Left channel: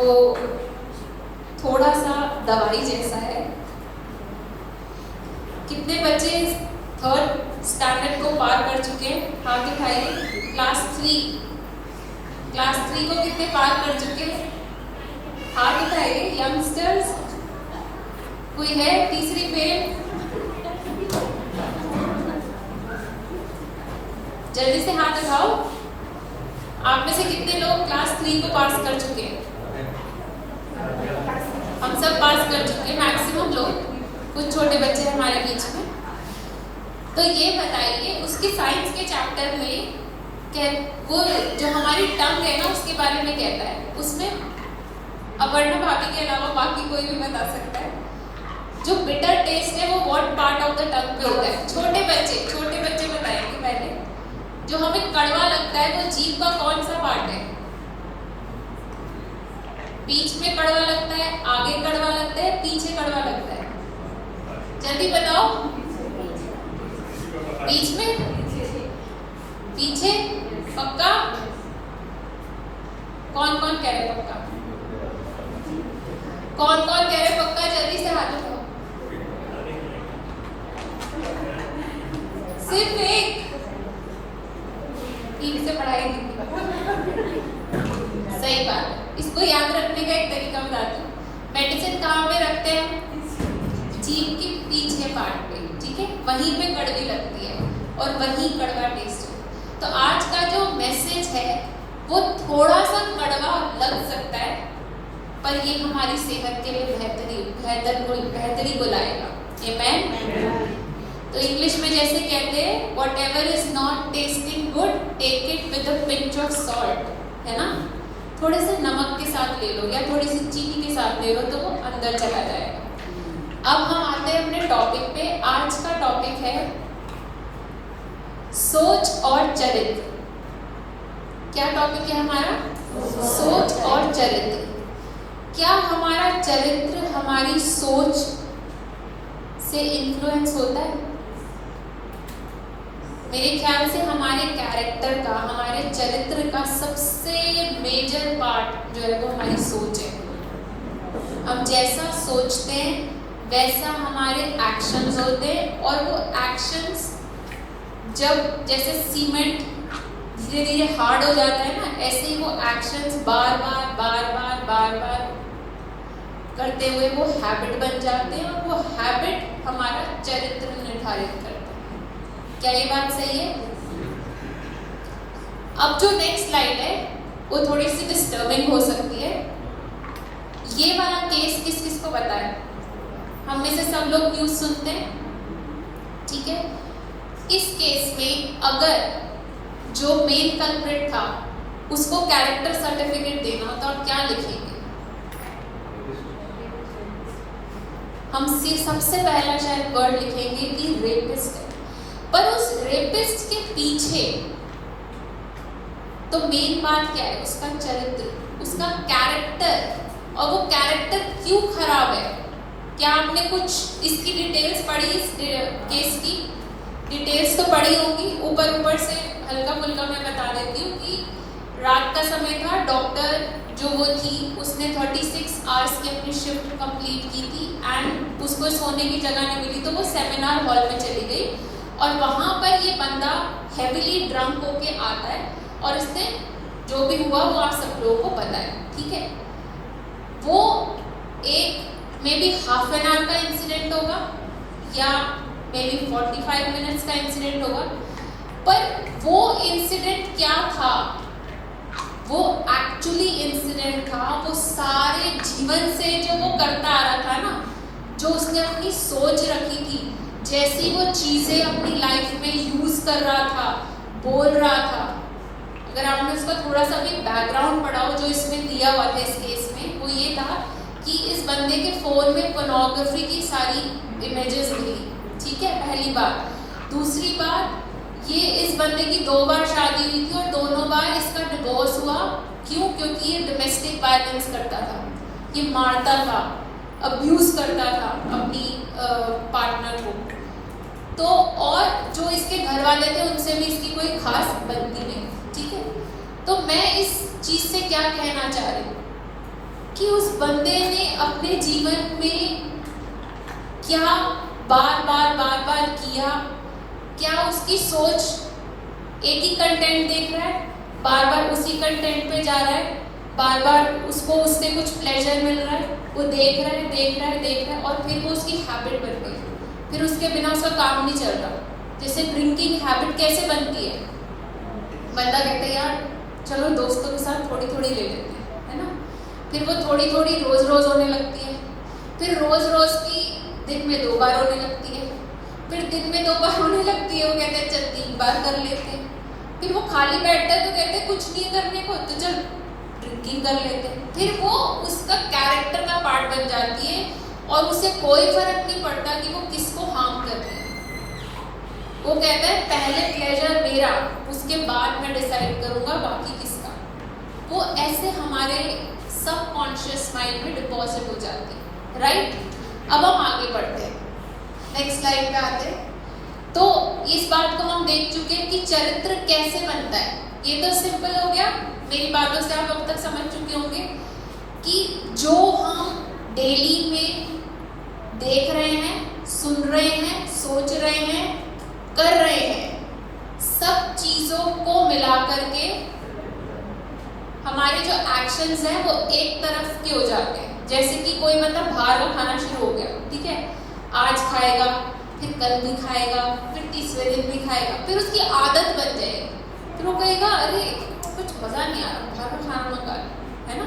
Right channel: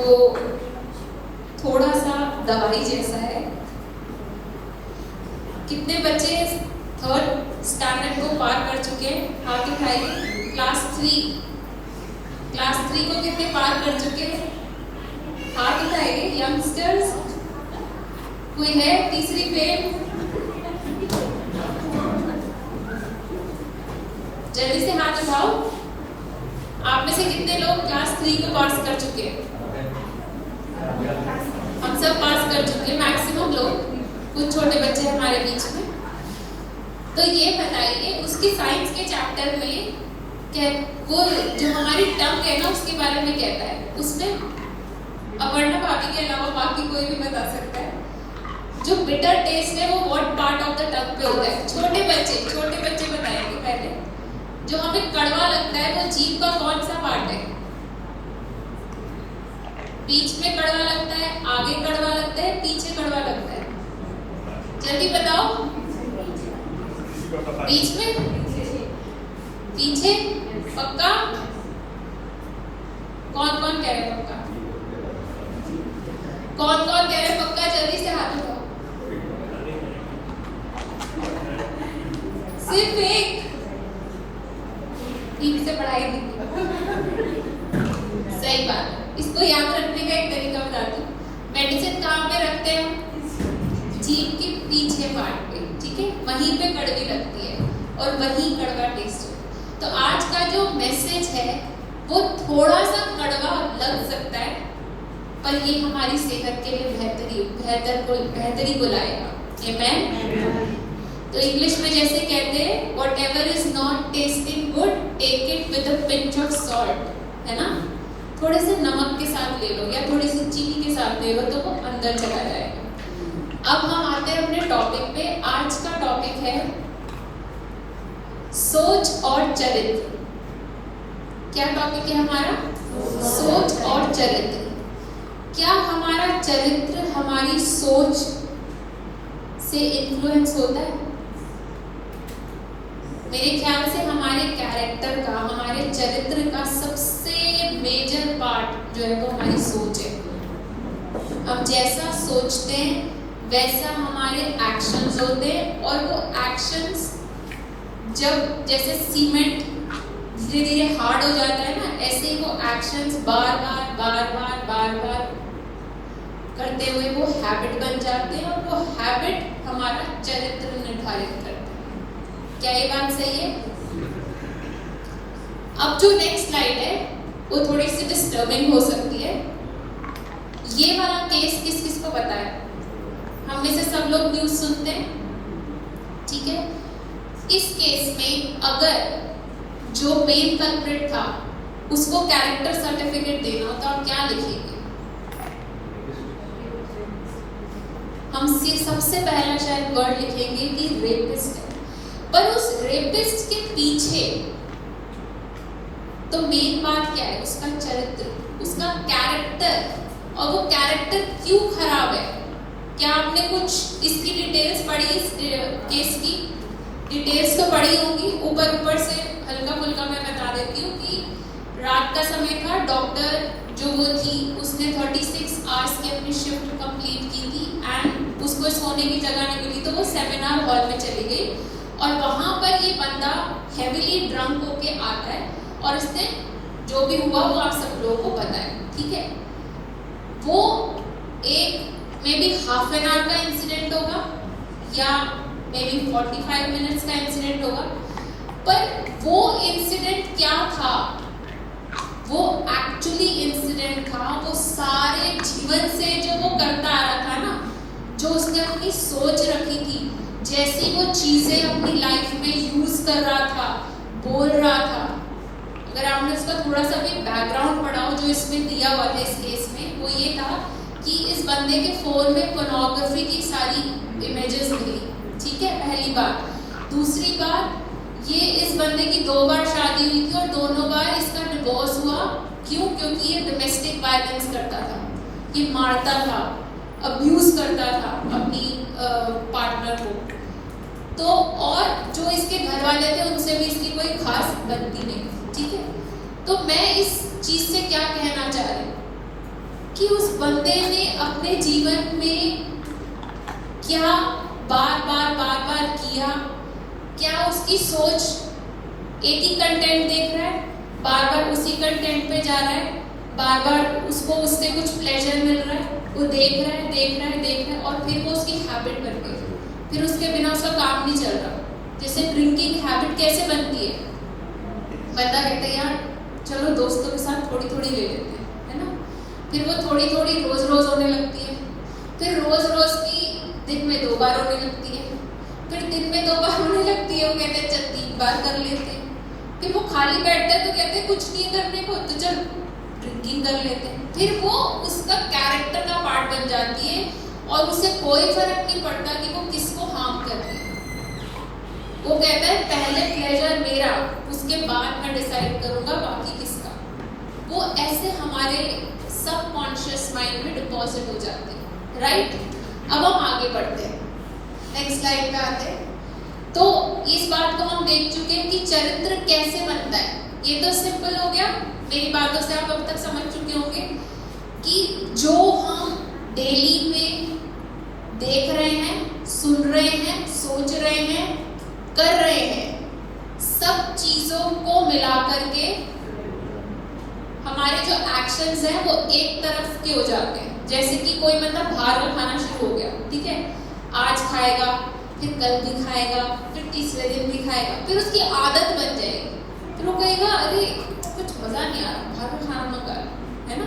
वो थोड़ा सा दवाई जैसा है। कितने बच्चे 3rd स्टैंडर्ड को पार कर चुके हैं? हाथ उठाइए। क्लास 3 को कितने पार कर चुके हैं? हाथ उठाइए यंगस्टर्स। कोई है तीसरी फेल? जल्दी से हाथ उठाओ। आप में से कितने लोग क्लास 3 को पास कर चुके हैं? हम सब पास कर चुके हैं, मैक्सिमम लोग। कुछ छोटे बच्चे हमारे बीच में। तो ये बताइए, उसके साइंस के चैप्टर में वो जो हमारी टंग है ना, उसके बारे में कहता है। उसमें अपर्णा भाभी के अलावा बाकी कोई भी बता सकता है। जो बिटर टेस्ट है वो what part of the tongue पे होता है? छोटे बच्चे बताएंगे पहले। जो हमें कड़वा लगता है वो जीभ का कौन सा पार्ट है? बीच में कड़वा लगता है, आगे कड़वा लगता है, पीछे कड़वा लगता है? जल्दी बताओ। बीच में? पीछे? पक्का? कौन कह रहे पक्का? कौन कह रहे पक्का? जल्दी से हाथ उठाओ। सिर्फ एक? ठीक से पढ़ाई नहीं। सही बात। इसको याद रखने का एक तरीका बताती हूँ। मेडिसिन कहाँ पे रखते हैं? जीभ के पीछे पार्ट पे, ठीक है? वहीं पे कड़वी लगती है और वहीं कड़वा टेस्ट है। तो आज का जो मैसेज है वो थोड़ा सा कड़वा लग सकता है, पर ये हमारी सेहत के लिए बेहतरी को लाएगा। आमीन। तो इंग्लिश में जैसे कहते हैं, whatever is not tasting good, take it with a pinch of salt, है ना? थोड़े से नमक के साथ ले लो या थोड़ी सी चीनी के साथ ले लो तो वो अंदर चला जाएगा। अब हम आते हैं अपने टॉपिक पे। आज का टॉपिक है सोच और चरित्र। क्या टॉपिक है हमारा? सोच और चरित्र। क्या हमारा चरित्र हमारी सोच से इन्फ्लुएंस होता है? मेरे ख्याल से हमारे कैरेक्टर का, हमारे चरित्र का सबसे मेजर पार्ट जो है वो हमारी सोच है। हम जैसा सोचते हैं वैसा हमारे एक्शंस होते हैं, और वो एक्शंस जब जैसे सीमेंट धीरे धीरे हार्ड हो जाता है ना, ऐसे ही वो एक्शंस बार बार करते हुए वो हैबिट बन जाते हैं, और वो हैबिट हमारा चरित्र निर्धारित करते हैं। क्या ये बात सही है? अब जो नेक्स्ट स्लाइड है वो थोड़ी सी डिस्टर्बिंग हो सकती है। ये वाला केस किस किस को पता है? हम में से सब लोग न्यूज सुनते हैं, ठीक है? इस केस में अगर जो मेन कल्प्रिट था उसको कैरेक्टर सर्टिफिकेट देना हो तो आप क्या लिखेंगे? हम सबसे पहला शायद वर्ड लिखेंगे कि रेपिस्ट है। पर उस रेपिस्ट के पीछे तो मेन बात क्या है? उसका चरित्र, उसका कैरेक्टर। और वो कैरेक्टर क्यों खराब है? क्या आपने कुछ इसकी डिटेल्स पढ़ी? इस केस की डिटेल्स तो पढ़ी होंगी, ऊपर से हल्का फुल्का मैं बता देती हूँ कि रात का समय था। डॉक्टर जो वो थी उसने 36 आवर्स की अपनी शिफ्ट कंप्लीट की थी, एंड उसको सोने की जगह नहीं मिली तो वो सेमिनार हॉल में चली गई, और वहां पर ये बंदा हेवीली ड्रंक होके आता है, और उसने जो भी हुआ वो आप सब लोगों को पता है, ठीक है? वो एक may be half an hour का इंसिडेंट होगा या मे बी 45 मिनट्स का इंसिडेंट होगा, पर वो इंसिडेंट क्या था? वो एक्चुअली इंसिडेंट था वो सारे जीवन से जो वो करता आ रहा था ना, जो उसने अपनी सोच रखी थी, जैसी वो चीजें अपनी लाइफ में यूज कर रहा था, बोल रहा था। अगर आपने उसका थोड़ा सा भी बैकग्राउंड पढ़ा हो जो इसमें दिया हुआ था इस केस में, वो ये था कि इस बंदे के फोन में पोर्नोग्राफी की सारी इमेजेस मिली, ठीक है? पहली बात। दूसरी बात, ये इस बंदे की 2 बार शादी हुई थी और दोनों बार इसका डिवोर्स हुआ। क्यों? क्योंकि ये डोमेस्टिक वायलेंस करता था, ये मारता था, अब्यूज करता था अपनी पार्टनर को। तो और जो इसके घर वाले थे उनसे भी इसकी कोई खास बनती नहीं, ठीक है? तो मैं इस चीज से क्या कहना चाह रही हूँ कि उस बंदे ने अपने जीवन में क्या बार बार किया, क्या उसकी सोच एक ही कंटेंट देख रहा है, बार बार उसी कंटेंट पे जा रहा है, बार बार उसको उससे कुछ प्लेजर मिल रहा है, वो देख रहा है और फिर वो उसकी हैबिट बन गई, फिर उसके बिना उसका काम नहीं चल रहा। जैसे ड्रिंकिंग हैबिट कैसे बनती है, बंदा कहते हैं यार चलो दोस्तों के साथ थोड़ी थोड़ी ले लेते हैं, है ना, फिर वो थोड़ी थोड़ी रोज रोज होने लगती है, फिर रोज रोज की दिन में 2 बार होने लगती है, फिर दिन में 2 बार होने लगती है, वो कहते हैं चल 3 बार कर लेते हैं, फिर वो खाली बैठता है तो कहते हैं कुछ नहीं करने को तो चल ड्रिंकिंग कर लेते हैं, फिर वो उसका कैरेक्टर का पार्ट बन जाती है और उसे कोई फर्क नहीं पड़ता कि वो किसको हार्म कर रही है। वो कहता है पहले प्लेजर मेरा, उसके बाद मैं डिसाइड करूंगा बाकी किसका। वो ऐसे हमारे सबकॉन्शियस माइंड में डिपॉजिट हो जाते हैं, राइट। अब हम आगे बढ़ते हैं, नेक्स्ट स्लाइड पे आते हैं। तो इस बात को हम देख चुके हैं कि चरित्र कैसे बनता है, ये तो सिंपल हो गया, मेरी बातों से आप अब तक समझ चुके होंगे कि जो हम डेली में देख रहे हैं, सुन रहे हैं, सोच रहे हैं, कर रहे हैं, सब चीजों को मिला करके हमारे जो एक्शंस हैं वो एक तरफ के हो जाते हैं। जैसे कि कोई मतलब बाहर का खाना शुरू हो गया, ठीक है, आज खाएगा, फिर कल भी खाएगा, फिर तीसरे दिन भी खाएगा, फिर उसकी आदत बन जाएगी, फिर वो कहेगा अरे कुछ मजा नहीं आ रहा, बाहर का खाना मत खा, है ना।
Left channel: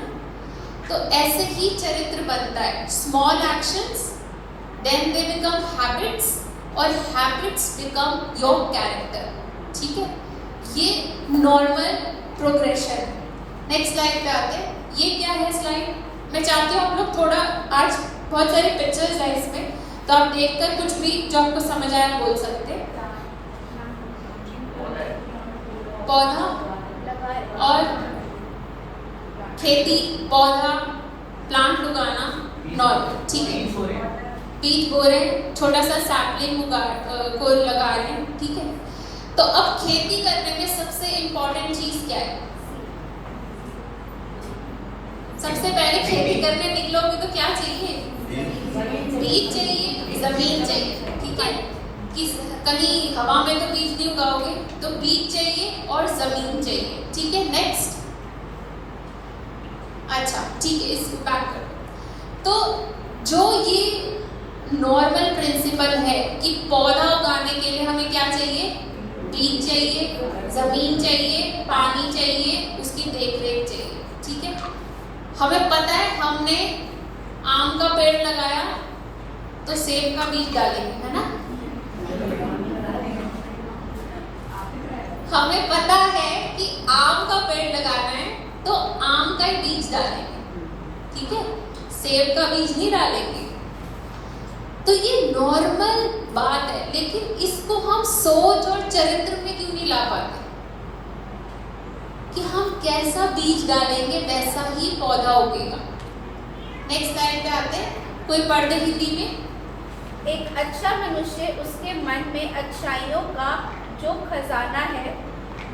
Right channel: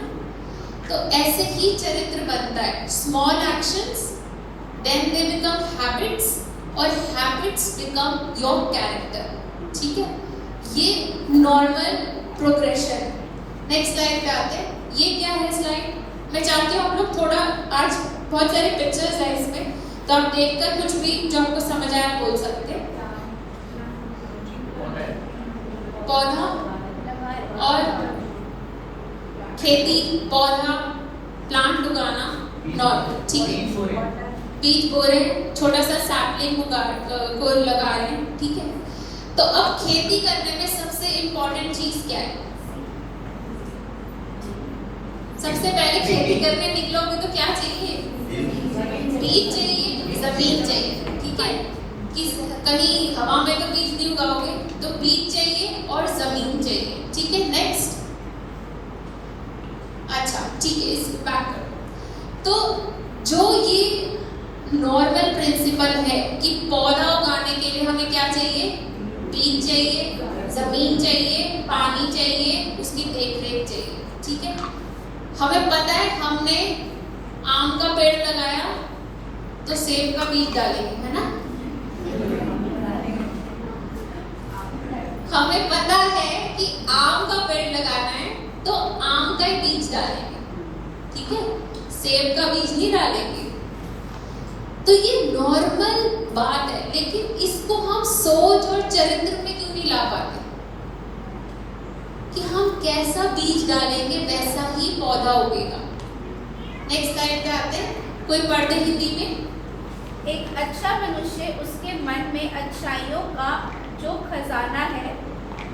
तो ऐसे ही चरित्र बनता है, small actions then they become habits और हैबिट्स बिकम योर कैरेक्टर, ठीक है, ये नॉर्मल प्रोग्रेशन। नेक्स्ट स्लाइड पे आते हैं, ये क्या है स्लाइड, मैं चाहती हूँ आप लोग थोड़ा, आज बहुत सारे पिक्चर्स हैं इसमें, तो आप देखकर कुछ भी जो आपको समझ आया बोल सकते हैं। पौधा और खेती, पौधा प्लांट उगाना नॉर्मल, ठीक है, बीज बो रहे, छोटा सा सैपलिंग को लगा रहे हैं, ठीक है। तो अब खेती करने में सबसे इंपॉर्टेंट चीज क्या है, सबसे पहले खेती करने निकलोगे तो क्या चाहिए, बीज चाहिए, जमीन चाहिए, ठीक है, कि कहीं हवा में तो बीज नहीं उगाओगे, तो बीज चाहिए और जमीन चाहिए, ठीक है। नेक्स्ट, अच्छा ठीक है, इस बैक कर। तो जो ये नॉर्मल प्रिंसिपल है कि पौधा उगाने के लिए हमें क्या चाहिए, बीज चाहिए, जमीन चाहिए, पानी चाहिए, उसकी देखरेख चाहिए, ठीक है। हमें पता है हमने आम का पेड़ लगाया तो सेब का बीज डालेंगे, है ना, हमें पता है कि आम का पेड़ लगाना है तो आम का ही बीज डालेंगे, ठीक है, सेब का बीज नहीं डालेंगे। तो ये नॉर्मल बात है, लेकिन इसको हम सोच और चरित्र में क्यों नहीं ला पाते कि हम कैसा बीज डालेंगे वैसा ही पौधा उगेगा। नेक्स्ट स्लाइड पे आते हैं, कोई पढ़ दे हिंदी में। एक अच्छा मनुष्य उसके मन में अच्छाइयों का जो खजाना है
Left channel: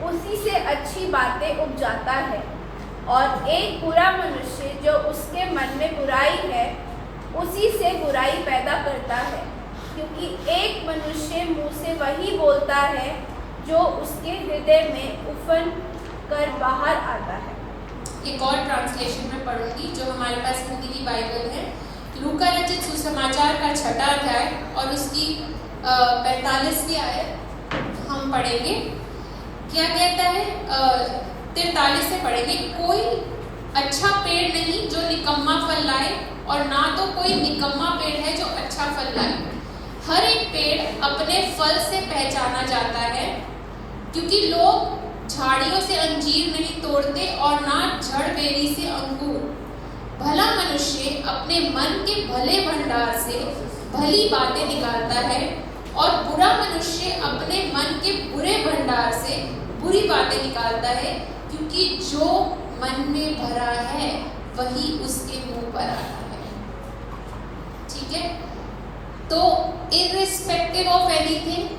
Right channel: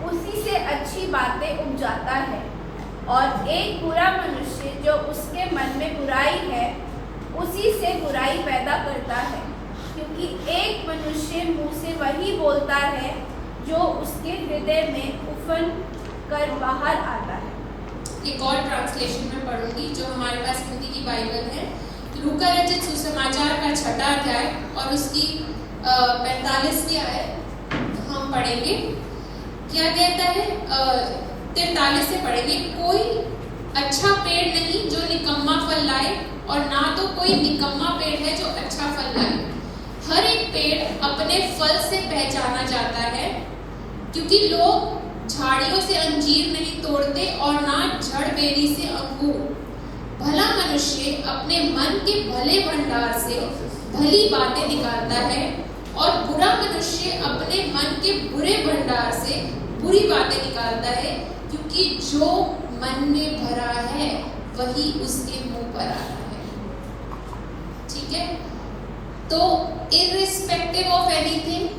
उसी से अच्छी बातें उपजाता है, और एक बुरा मनुष्य जो उसके मन में बुराई है उसी से बुराई पैदा करता है, क्योंकि एक मनुष्य मुंह से वही बोलता है जो उसके हृदय में उफन कर बाहर आता है। एक और ट्रांसलेशन में पढ़ूंगी जो हमारे पास हिंदी की बाइबल है, लूका रचित सुसमाचार का 6वां अध्याय और उसकी 45वीं आयत हम पढ़ेंगे। क्या कहता है, 43 से पढ़ेंगे। कोई अच्छा पेड़ नहीं जो निकम्मा फल लाए, और ना तो कोई निकम्मा पेड़ है जो अच्छा फल लाए। हर एक पेड़ अपने फल से पहचाना जाता है, क्योंकि लोग झाड़ियों से अंजीर नहीं तोड़ते और ना जड़ बेरी से अंगूर। भला मनुष्य अपने मन के भले भंडार से भली बातें निकालता है, और बुरा मनुष्य अपने मन के बुरे भंडार से बुरी बातें निकालता है, क्योंकि जो मन में भरा है वही उसके मुंह पर आता है, ठीक है। तो इररिस्पेक्टिव ऑफ एनीथिंग,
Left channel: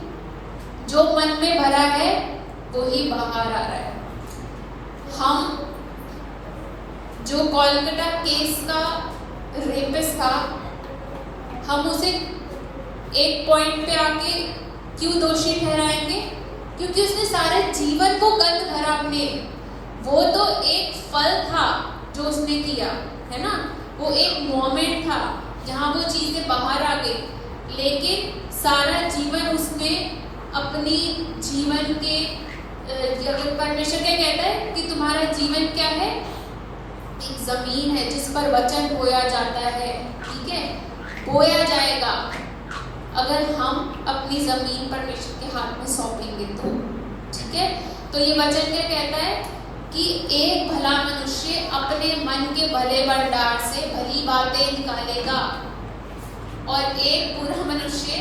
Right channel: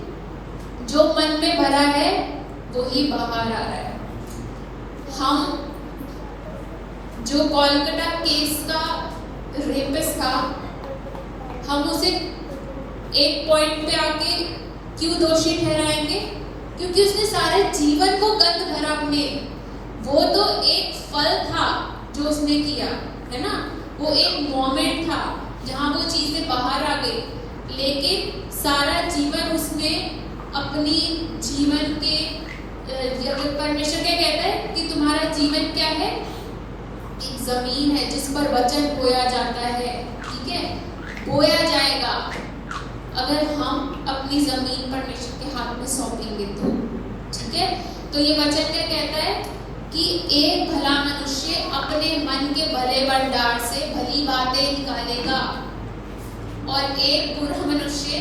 जो मन में भरा है वो ही बाहर आ रहा है। हम जो कोलकाता केस का साथ हम उसे एक पॉइंट पे आके क्यों दोषी ठहराएंगे? क्योंकि उसने सारे जीवन को गंद भरा अपने। वो तो एक फल था जो उसने किया, है ना, वो एक मोमेंट था जहाँ वो चीजें बाहर आ गई, लेकिन सारा जीवन उसने अपनी जीवन के परमेश्वर क्या कहता है कि तुम्हारा जीवन क्या है? एक जमीन है जिस पर वचन बोया जाता है, ठीक है, बोया जाएगा अगर हम अपनी जमीन परमेश्वर के हाथ में सौंपेंगे तो, ठीक है। तो ये वचन क्या कहता है कि एक भला मनुष्य अपने मन के भले भंडार से भली बातें निकालेगा और एक बुरा मनुष्य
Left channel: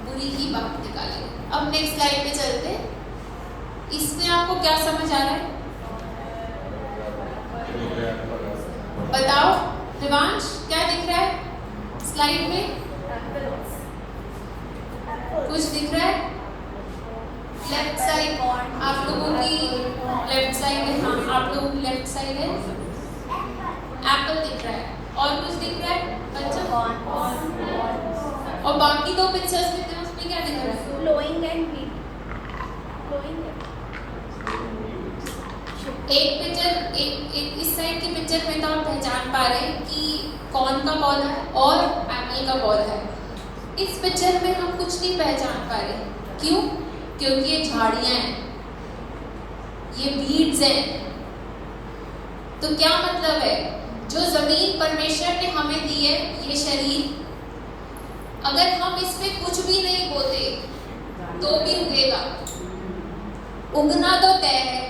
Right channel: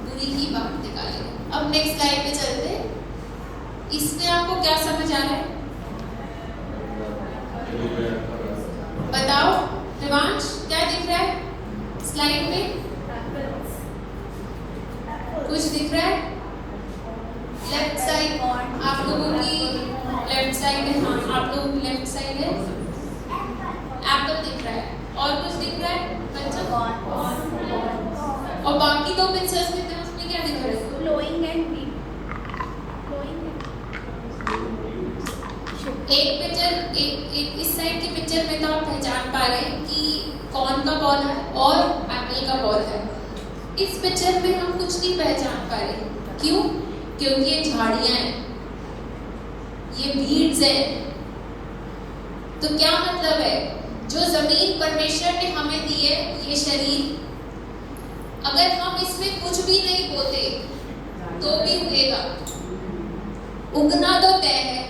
बुरी ही बात निकालेगा। अब नेक्स्ट स्लाइड पे चलते हैं। इसमें आपको क्या समझ आ रहा है? बताओ हिमांश, क्या दिख रहा है स्लाइड में? कुछ दिख रहा है? लेफ्ट साइड आप लोगों की लेफ्ट साइड है, हाँ आप लोगों की लेफ्ट साइड है, एप्पल दिख रहा है। और कुछ दिख रहा है बच्चों? और बाकी दो पिक्चर्स में थे, उसमें क्या दिख रहा है? फ्लोइंग एंड एक पिक्चर एक इस साइड की पिक्चर में तो आप पहचान पा रहे हैं कि कौन का बॉल है और एप्पल का बॉल है। इस पिक्चर में हम कुछ नहीं पहचान पा रहे। क्यों? क्योंकि ये झाड़ियां हैं, ये वीड्स हैं। तो क्या मतलब है? जो जमीन परमेश्वर ने हमें दी है, ये शरीर, अगर हम इसमें कुछ भी नहीं बोते तो भी उगेगा। उगना तो तय है।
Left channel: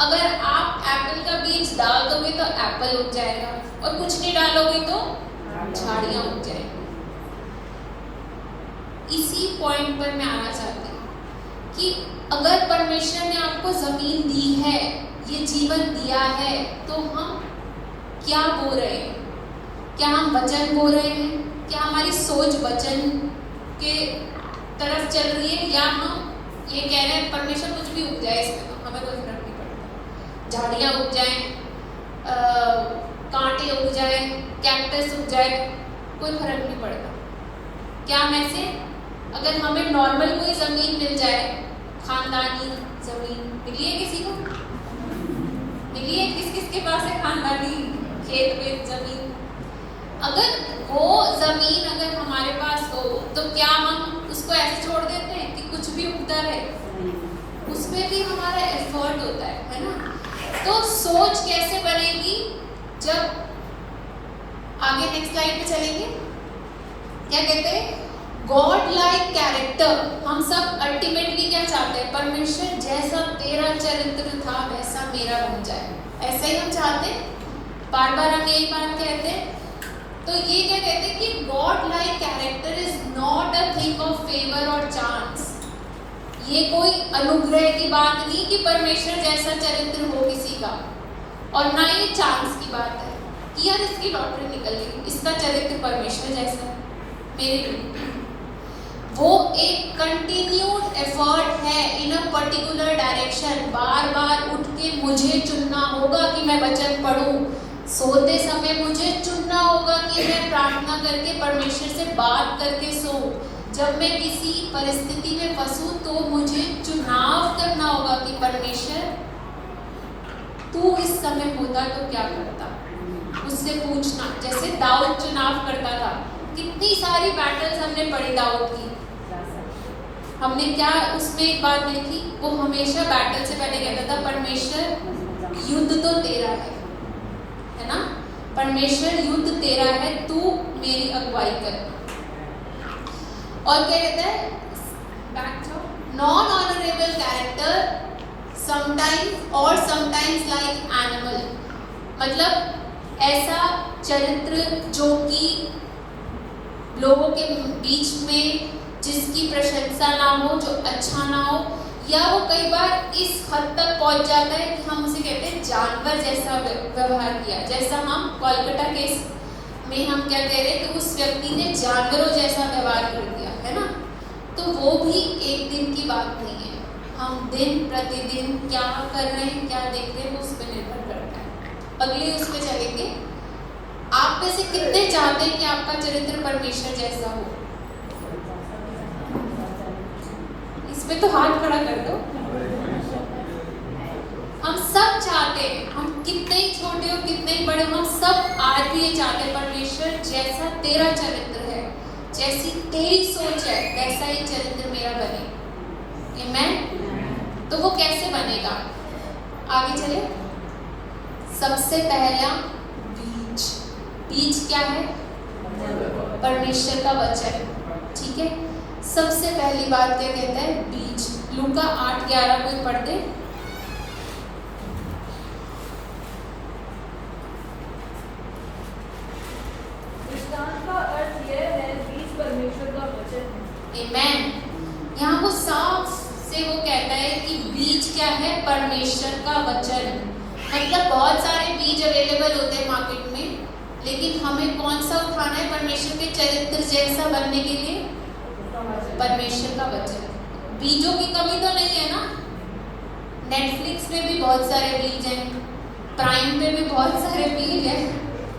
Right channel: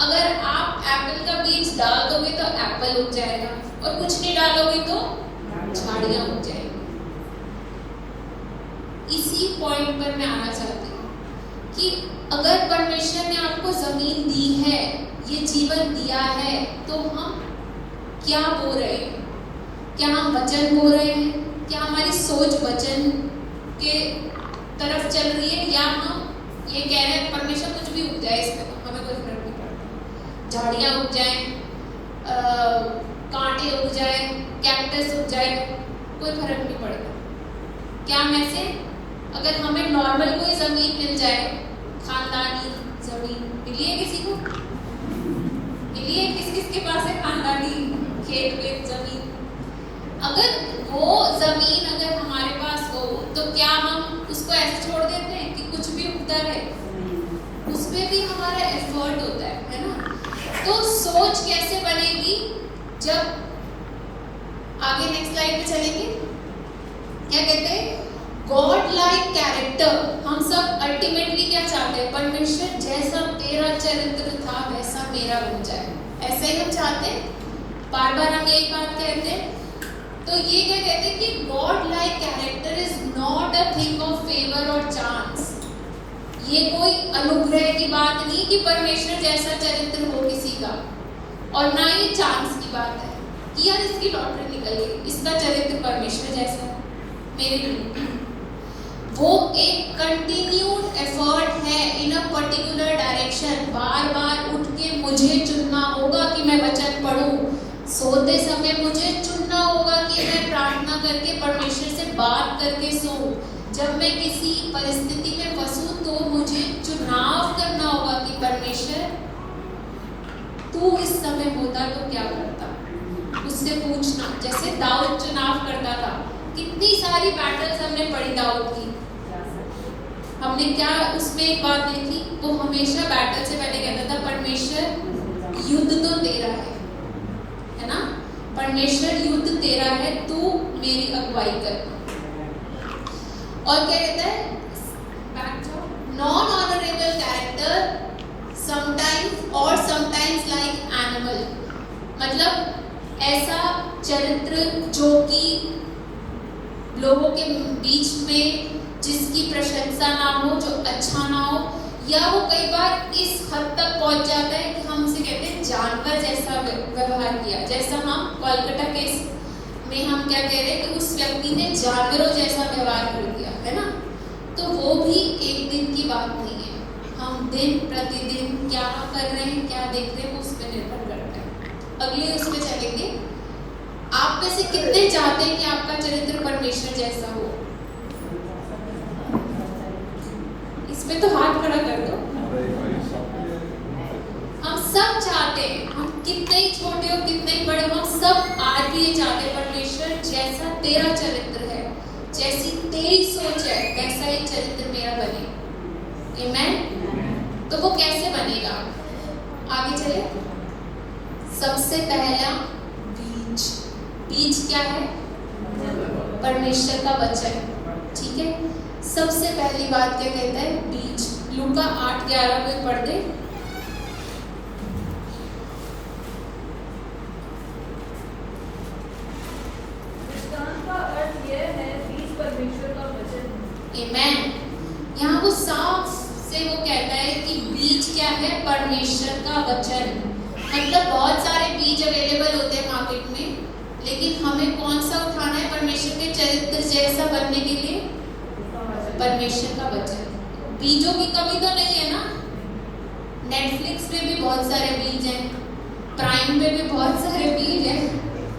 अगर आप एप्पल का बीज डाल दोगे तो एप्पल उग जाएगा, और कुछ नहीं डालोगे तो झाड़ियां उग जाएंगी। इसी पॉइंट पर मैं आना चाहती हूँ कि अगर परमेश्वर ने आपको जमीन दी है, ये जीवन दिया है, तो हम क्या बो रहे हैं? क्या हम वचन बो रहे हैं? क्या हमारी सोच वचन के तरफ चल रही है, या हम ये कह रहे हैं परमेश्वर कुछ भी उग जाए इसमें तो हमें कोई फर्क नहीं पड़ता, झाड़ियां उग जाए, कांटे उग जाए, कैक्टस उग जाए, कोई फर्क नहीं पड़ेगा। क्या में से अगर हमें नॉर्मल कोई जमीन मिल जाए, खानदानी जमीन मिली है किसी को? मिली है? किस किस के पास है खानदानी खेत में जमीन? अगर वो जमीन अगर हमारे पास हो तो क्या हम उसको ऐसे छोड़ देते हैं कि कुछ भी उगता रहे? उसमें भी हमारा एफर्ट होता है ना? तो सोच कैसे बनेगी? जब आगे नेक्स्ट स्लाइड पे चलेंगे, क्या कहते हैं? God like character. हम सब अल्टीमेटली क्या चाहते हैं? परमेश्वर जैसा तेरा चरित्र था वैसा मेरा बन जाए, ऐसे ही हम चाहते हैं। बार बार हम यही बात कहते हैं। तो ये क्या कहते हैं कि God like character is not a thing of favour और चांस। ये कोई अनुग्रह की बात नहीं कि परमेश्वर जैसा चरित्र हो किसी का, और ना ये चांस की बात है कि यार इसकी लॉटरी निकल गई, इसका चरित्र परमेश्वर जैसा है, मेरे लिए। वो एक कंटिन्यूड एफर्ट है इन अ पर्टिकुलर डायरेक्शन। बार बार उठ के मुझे चुनना होगा कि मैं वचन पढ़ूं, सोते समय मुझे चुनना होगा कि मैं प्रार्थना करके परमेश्वर से बात करके सोऊं। जब मैं किसी परिस्थिति में फंसूं तो मुझे चुनाव करना होगा कि परमेश्वर तू इस समय होता तो क्या करता, उससे पूछना। जैसे दाऊद चुनाव करता था, कितनी सारी बैटल्स हमने पढ़ी दाऊद की, हमने क्या उसमें एक बात लिखी, वो हमेशा बैटल से पहले कहता था परमेश्वर युद्ध तो तेरा है ना, परमेश्वर युद्ध तेरा है, तू मेरी अगुवाई कर। और क्या कहता है? Non honourable character sometimes like animal. मतलब ऐसा चरित्र जो कि लोगों के बीच में जिसकी प्रशंसा ना हो, जो अच्छा ना हो, या वो कई बार इस हद तक पहुंच जाता है कि हम उसे कहते हैं जानवर जैसा व्यवहार किया। जैसा हम कोलकाता केस में हम क्या कह रहे हैं कि उस व्यक्ति ने जानवरों जैसा व्यवहार कर दिया, है ना। तो वो भी एक दिन की बात नहीं है। हम दिन प्रतिदिन क्या कर रहे हैं, क्या देख रहे हैं, वो उस पर निर्भर करता है। अगले उस पर चलेंगे। आप आप में से कितने चाहते हैं कि आपका चरित्र परमेश्वर जैसा हो? इसमें तो हाथ खड़ा कर दो। हम सब चाहते हैं, हम कितने ही छोटे हो कितने ही बड़े हो, हम सब आज भी ये चाहते हैं परमेश्वर जैसा तेरा चरित्र है, जैसी तेरी सोच है, वैसा ही चरित्र मेरा बने। आमीन। तो वो कैसे बनेगा? आगे चले। सबसे पहला बीज। बीज क्या है? परमेश्वर का वचन। ठीक है, सबसे पहली बात क्या कहता है? बीज। लूका 8:11 को पढ़ दे। यहाँ वो साफ से वो कहता है कि बीज क्या है? परमेश्वर का वचन। मतलब बहुत सारे बीज अवेलेबल होते हैं मार्केट में, लेकिन हमें कौन सा उठाना है परमेश्वर के चरित्र जैसा बनने के लिए? परमेश्वर का वचन। बीजों की कमी तो नहीं है ना? नेटफ्लिक्स पे भी बहुत सारे बीज हैं, प्राइम पे भी बहुत सारे बीज हैं,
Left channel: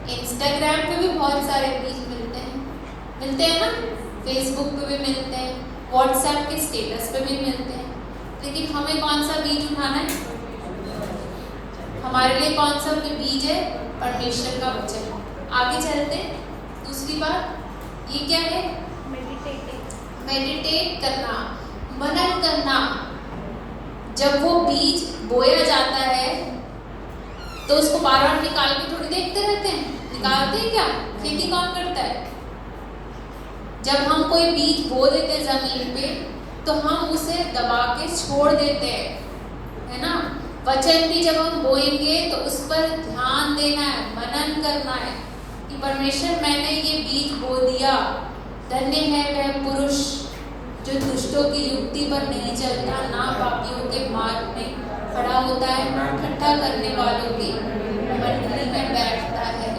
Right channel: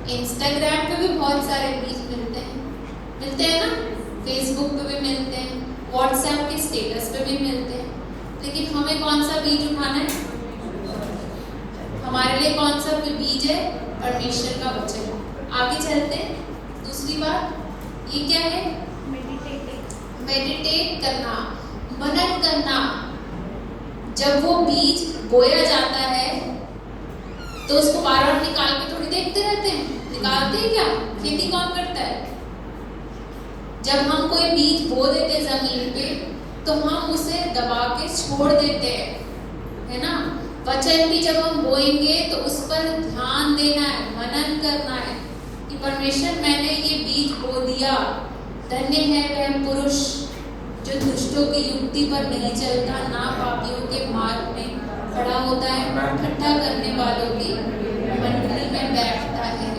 इंस्टाग्राम पे भी बहुत सारे बीज मिलते हैं ना, फेसबुक पे भी मिलते हैं, व्हाट्सएप के स्टेटस पे भी मिलते हैं। लेकिन हमें कौन सा बीज उठाना है? हमारे लिए कौन सा बीज है? परमेश्वर का वचन। आगे चलते। दूसरी बात ये क्या है? मेडिटेट करना, मनन करना। जब वो बीज बोया जाता है तो उसको बार बार निकाल के थोड़ी देखते रहते हैं। निकालते हैं क्या? खेती कौन करता है? जब हम कोई बीज बो देते जमीन पे तो हम उसे दबा के छोड़ देते हैं, है ना? वचन भी जब हम बोएंगे तो उस पर ध्यान देना है, मनन करना है कि परमेश्वर मैंने ये बीज बो दिया। धन्य है वह पुरुष जो दुष्टों की युक्ति पर नहीं चलता, ना पापियों के मार्ग में खड़ा होता है, ना ठट्ठा करने वालों की मंडली में बैठता है।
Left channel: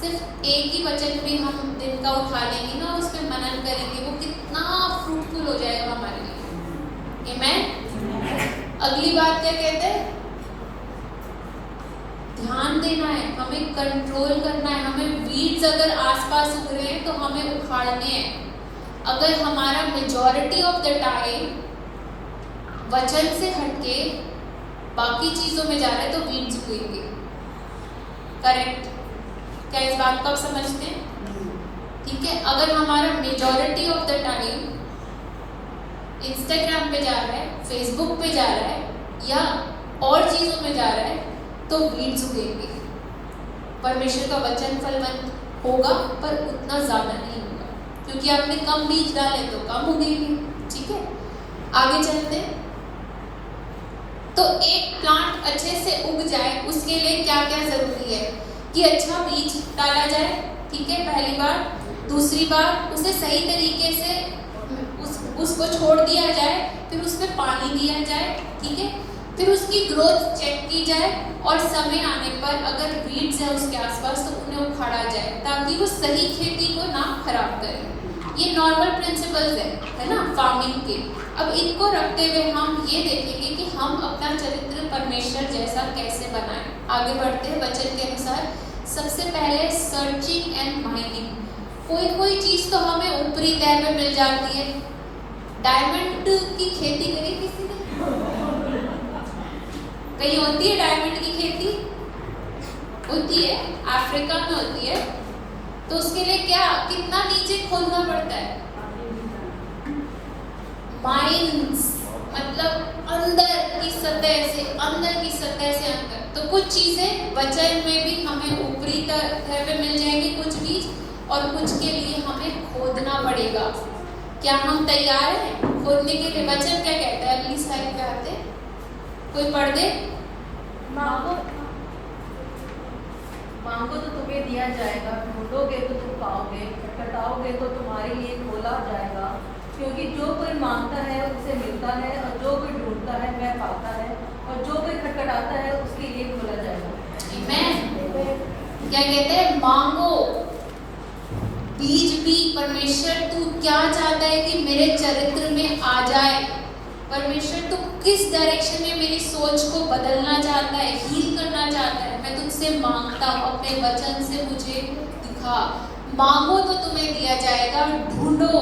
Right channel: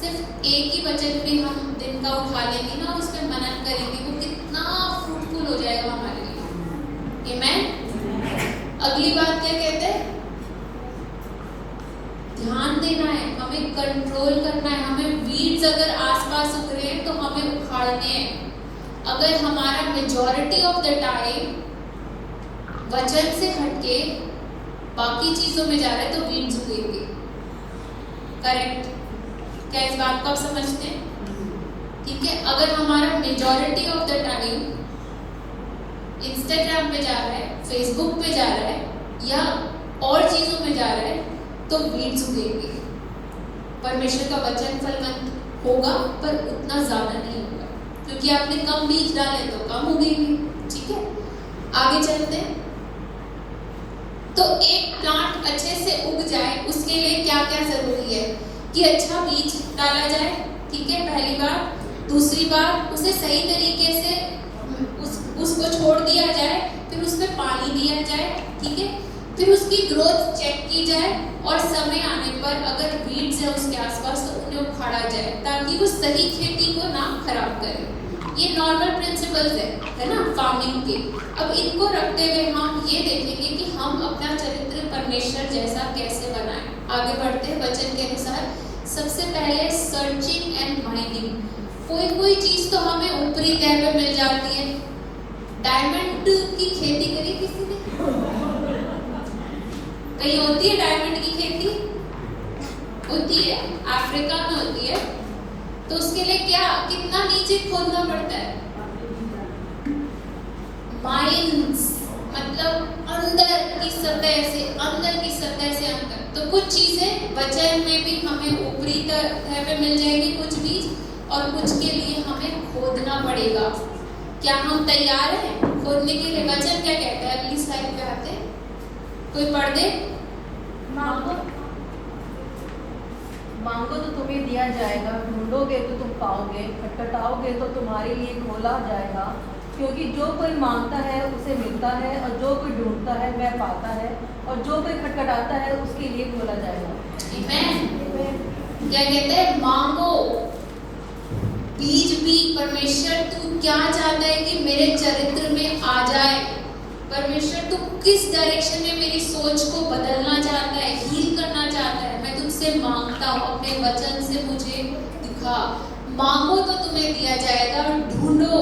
सिर्फ एक ही वचन भी हम दिन का उठा लेंगे ना, उस पर मनन करेंगे, वो कितना फ्रूटफुल हो जाएगा हमारे लिए। आमीन। अगली बात क्या कहते हैं? ध्यान देना है, हमें कंट्रोल करना है। हमें वीड्स अगर आसपास उग रहे हैं तो हमें उखाड़ने हैं। अगर हमारा मेजॉरिटी ऑफ द टाइम वचन से हटके बाकी चीजों में जा रहा है तो वीड्स उगेंगे। करेक्ट? क्या इस बात को आप समझते हैं? ठीक है, अगर हमारा majority of the time Instagram पे जा रहा है, फेसबुक पे जा रहा है या और चीजों में जा रहा है तो वीड्स उगेंगे। परमेश्वर का वचन फलवंत होगा पर उतना ज्यादा नहीं होगा, क्योंकि आपने कम बीज डाले तो कम उगेंगे। ठीक है, आगे चलते हैं। तो एक प्लांट अच्छे से उग जाए उसके लिए क्या क्या जरूरी है? कि अच्छा बीज डाला जाए। ठीक है, पहली बार। दूसरी बार उसे सही तरीके से उसको छोड़ दिया जाए, फिर उसमें पानी दिया जाए। ठीक है, फिर उसकी ग्रोथ चेक की जाए और समय आने पर अगर वीड्स है उसके आसपास तो उन्हें उखाड़ा जाए ताकि वो सही खेती को ना खराब करे। ये नॉर्मल प्रिंसिपल्स है ना फार्मिंग के। अब इनको रखते हुए हम ये देखेंगे कि हम अपना चरित्र परमेश्वर जैसा कैसे बनाएं। आगे बढ़ते वचन के अनुसार। सबसे पहले सर्चिंग एंड माइनिंग। कोई चीज तो हमें ऊपरी तह पे मिल जाती है। डायमंड की खेती करी किसी ने? कहीं होती है डायमंड की खेती? होती है, अफ्रीका में होती है। तो उसके लिए क्या कितना नीचे खोदना पड़ता है? माइंस, मतलब अंदर की सतह से अंदर। तो कुछ चीजें वचन में भी हमें ऊपरी तरह पे मिल जाएंगी कुछ बीज, और कुछ के लिए हमें खोदना पड़ेगा। क्या हम तैयार हैं खोदने के लिए? वचन क्या कहता है? अगली स्लाइड पे आते, कोई पढ़ दे। मांगो तो तुम्हें दिया जाएगा, ढूंढोगे तो तुम पाओगे, खटखटाओगे तो तुम्हारे लिए खोला जाएगा। क्योंकि जो कोई मांगता है उसे मिलता है, और जो कोई ढूंढता है वह पाता है, और जो कोई खटखटाता है उसके लिए खोला जाएगा। आमीन। क्या कहते हैं? मांगो। बीज भी परमेश्वर तू क्या चाहता है कि मेरे चरित्र में आ जाए? परमेश्वर तू किस डायरेक्शन में मेरी सोच को बदलना चाहता है, हील करना चाहता है? मैं तुझसे उससे मांगता हूँ, अपने वचन से मुझे दिखा। मांगो तो तुम्हें दिया जाएगा, ढूंढो,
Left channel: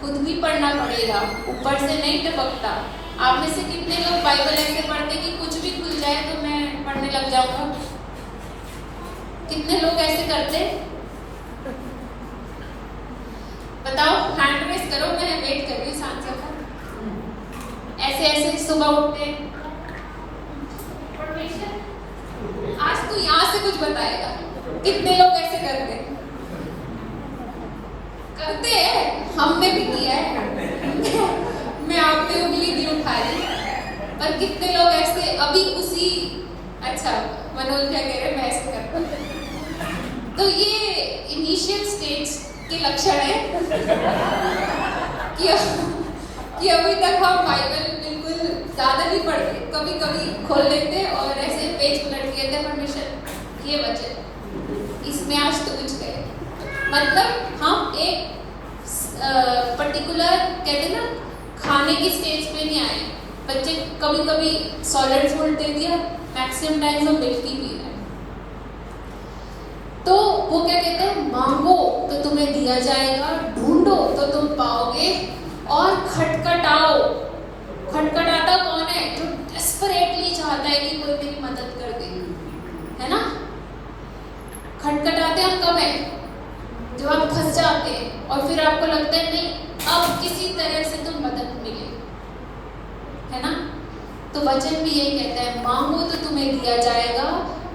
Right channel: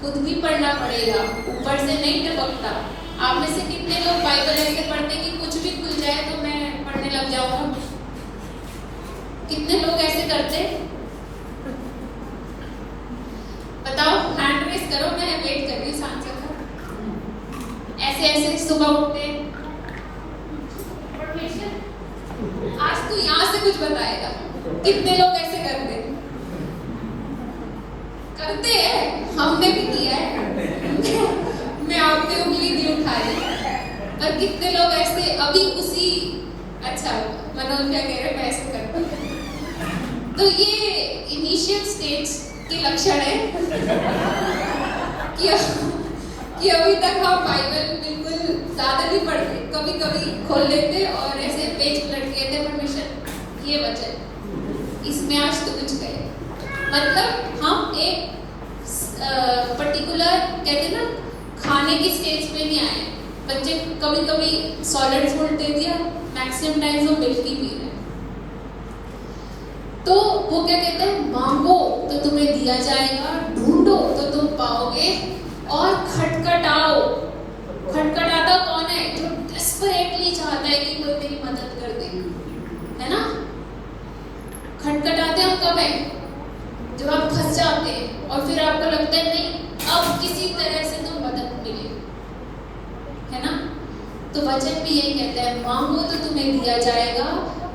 खुद भी पढ़ना पड़ेगा, ऊपर से नहीं टपकता। आप में से कितने लोग बाइबल ऐसे पढ़ते कि कुछ भी खुल जाए तो मैं पढ़ने लग जाऊंगा? कितने लोग ऐसे करते? बताओ, हैंड रेस करो, मैं वेट कर रही हूँ सांस का। ऐसे ऐसे सुबह उठते, परमेश्वर आज तू यहाँ से कुछ बताएगा। कितने लोग ऐसे करते हैं? हमने भी किया है। मैं आपकी उंगली नहीं उठा रही, पर कितने लोग ऐसे अभी उसी, अच्छा मनोज क्या कह रहे हैं, मैं ऐसे करता हूँ। तो ये इनिशियल स्टेज के लक्षण है कि अभी तक हम बाइबल बिल्कुल ज्यादा नहीं पढ़ते, कभी कभी खोल लेते और ऐसे पेज उलट के थे, परमेश्वर ये वचन इसमें आज तो कुछ करे। मतलब हम एक पर्टिकुलर कहते ना खाने की स्टेज पे नहीं आए। बच्चे कभी कभी सॉलिड फूड दे दिया, मैक्सिमम टाइम वो मिल्क ही पी रहे, तो वो क्या कहते हैं, मांगो तो तुम्हें दिया जाएगा, ढूंढो तो तुम पाओगे, और खटखटाओ। खटखटाता कौन है? जो डेस्परेटली चाहता है कि कोई तेरी मदद कर दे, है ना? खटखटाते हम कब है? जब आप फंस जाते हैं और फिर आपको लगता है नहीं, अब किसी तरह से तो मदद मिले, है ना? तो वचन भी यही कहता है, मांगो तो तुम्हें दिया जाएगा,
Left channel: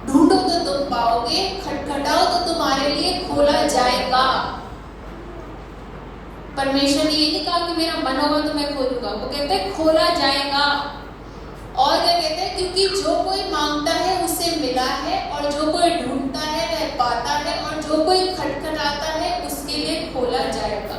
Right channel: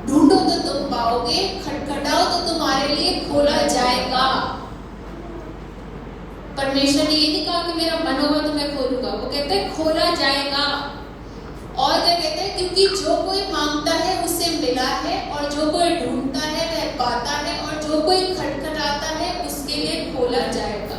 ढूंढो तो तुम पाओगे, खटखटाओ तो तुम्हारे लिए खोला जाएगा। परमेश्वर ने ये नहीं कहा कि मेरा मन होगा तो मैं खोलूंगा, वो कहते हैं खोला जाएगा। और क्या कहते हैं? क्योंकि जो कोई मांगता है उसे मिला है, और जो कोई ढूंढता है वह पाता है, और जो कोई खटखटाता है उसके लिए खोला जाएगा।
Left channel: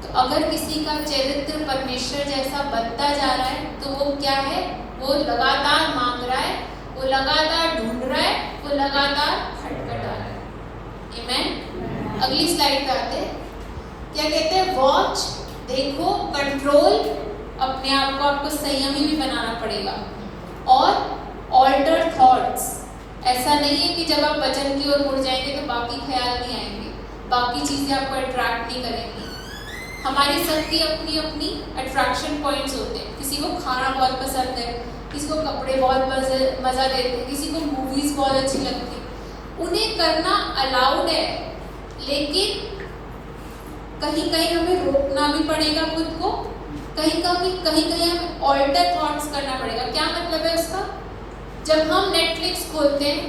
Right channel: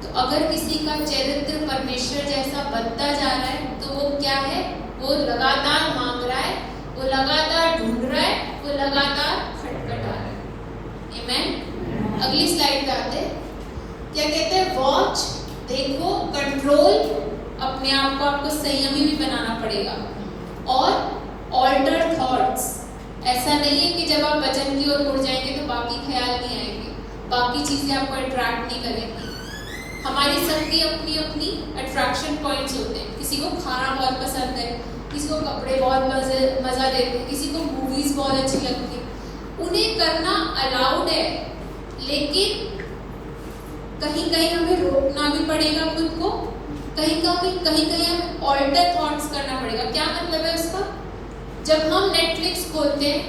तो अगर किसी का चरित्र परमेश्वर जैसा बनता जा रहा है तो वो क्या है? वो लगातार मांग रहा है, वो लगातार ढूंढ रहा है, वो लगातार खटखटा रहा है। आमीन। अगली स्लाइड पे आते हैं। क्या कहते हैं? वॉच, देखो, कंट्रोल, अपने आप को आपको संयमी भी बनाना पड़ेगा, और ऑल्टर थॉट्स। ऐसा नहीं है कि जब आप वचन की ओर मुड़ जाएंगे तो बाकी ख्याल नहीं आएंगे, बाकी चीजें आपको अट्रैक्ट नहीं करेंगी। हमारी सबकी अपनी अपनी अट्रैक्शन पॉइंट्स होते हैं। किसी को खाना बहुत पसंद है, किसी को कपड़े बहुत मजा देते हैं, किसी को मूवीज बहुत अच्छी लगती है। उन्हें करना अलाउड है, लेकिन कहीं कहीं हमें रोकना भी पड़ेगा खुद को, कहीं कहीं हमें ऑल्टर थॉट्स करना पड़ेगा। क्या मतलब है उसका? जब हम नेटफ्लिक्स खोलते हैं,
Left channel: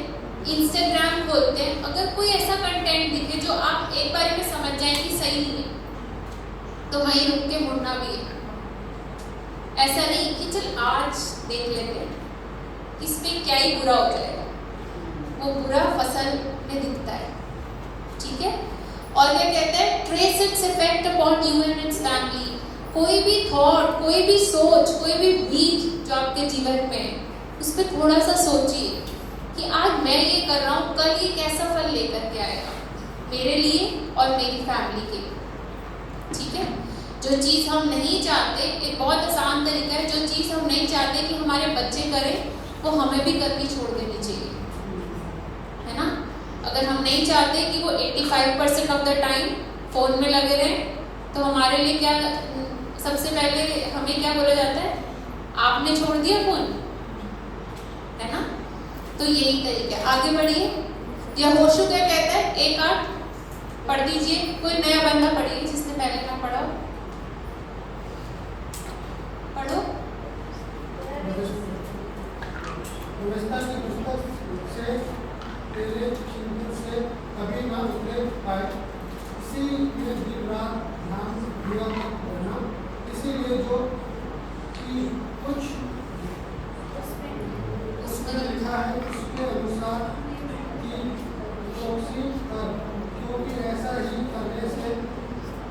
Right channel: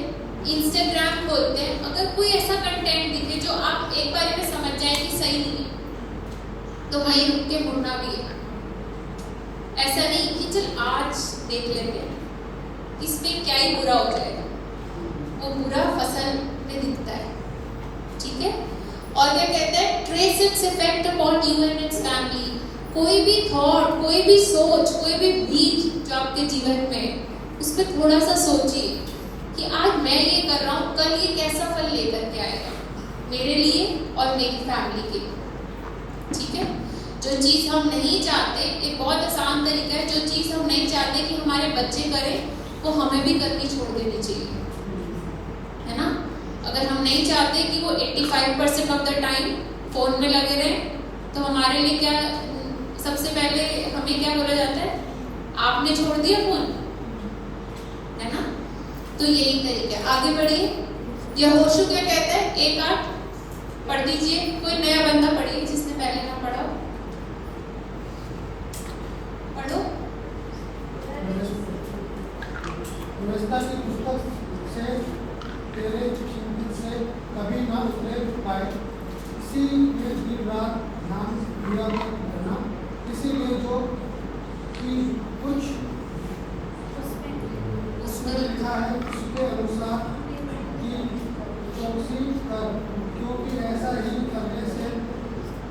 इंस्टाग्राम खोलते हैं, अगर कोई ऐसा कंटेंट दिखे जो आप एक बार में समझ जाए कि सही नहीं है, तो वहीं रुक के मुड़ना भी है। ऐसा नहीं कि चल आज देख लेते हैं, इसमें क्या ही बुरा हो जाएगा, वो बुरा फसल में दिखता है, ठीक है? और क्या कहते हैं? Trace its effect upon you and it's family. कोई भी थॉट, कोई भी सोच, कोई भी बीज जो आपके जीवन में है, उस पर थोड़ा सा सोचिए कि आज मैं ये कर रहा हूँ, कल ये कैसा फल लेकर के आएगा मेरे लिए और मेरी फैमिली के लिए, ठीक है? जो चीज हम नहीं चाहते, एक बहुत आसान तरीका है, जो चीज हम नहीं चाहते कि हमारे बच्चे करें, वो हमें भी करनी छोड़ देनी चाहिए, है ना? अगर हम नहीं चाहते कि वो 85% ऑफ द टाइम फोन में लगे रहे, तो हमारे लिए क्या, सबसे पहले हमें क्या बोला जाता है? आपने छोड़ दिया फोन, है ना? तो यही तरीका है। आगे बढ़िए। यहोशू क्या कहता है? 1:8 पढ़ दीजिए। कोई नया बंदा पढ़िए जिसने पहले ना पढ़ा, पढ़ो। व्यवस्था की पुस्तक से तेरे चिंतन से कभी ना उल्लेख पाए, इसीलिए दिन रात ध्यान दिया करना, इसीलिए जो कि कुछ उसमें लिखा है उसके अनुसार कि चौकसी कर, क्योंकि ऐसा ही करने से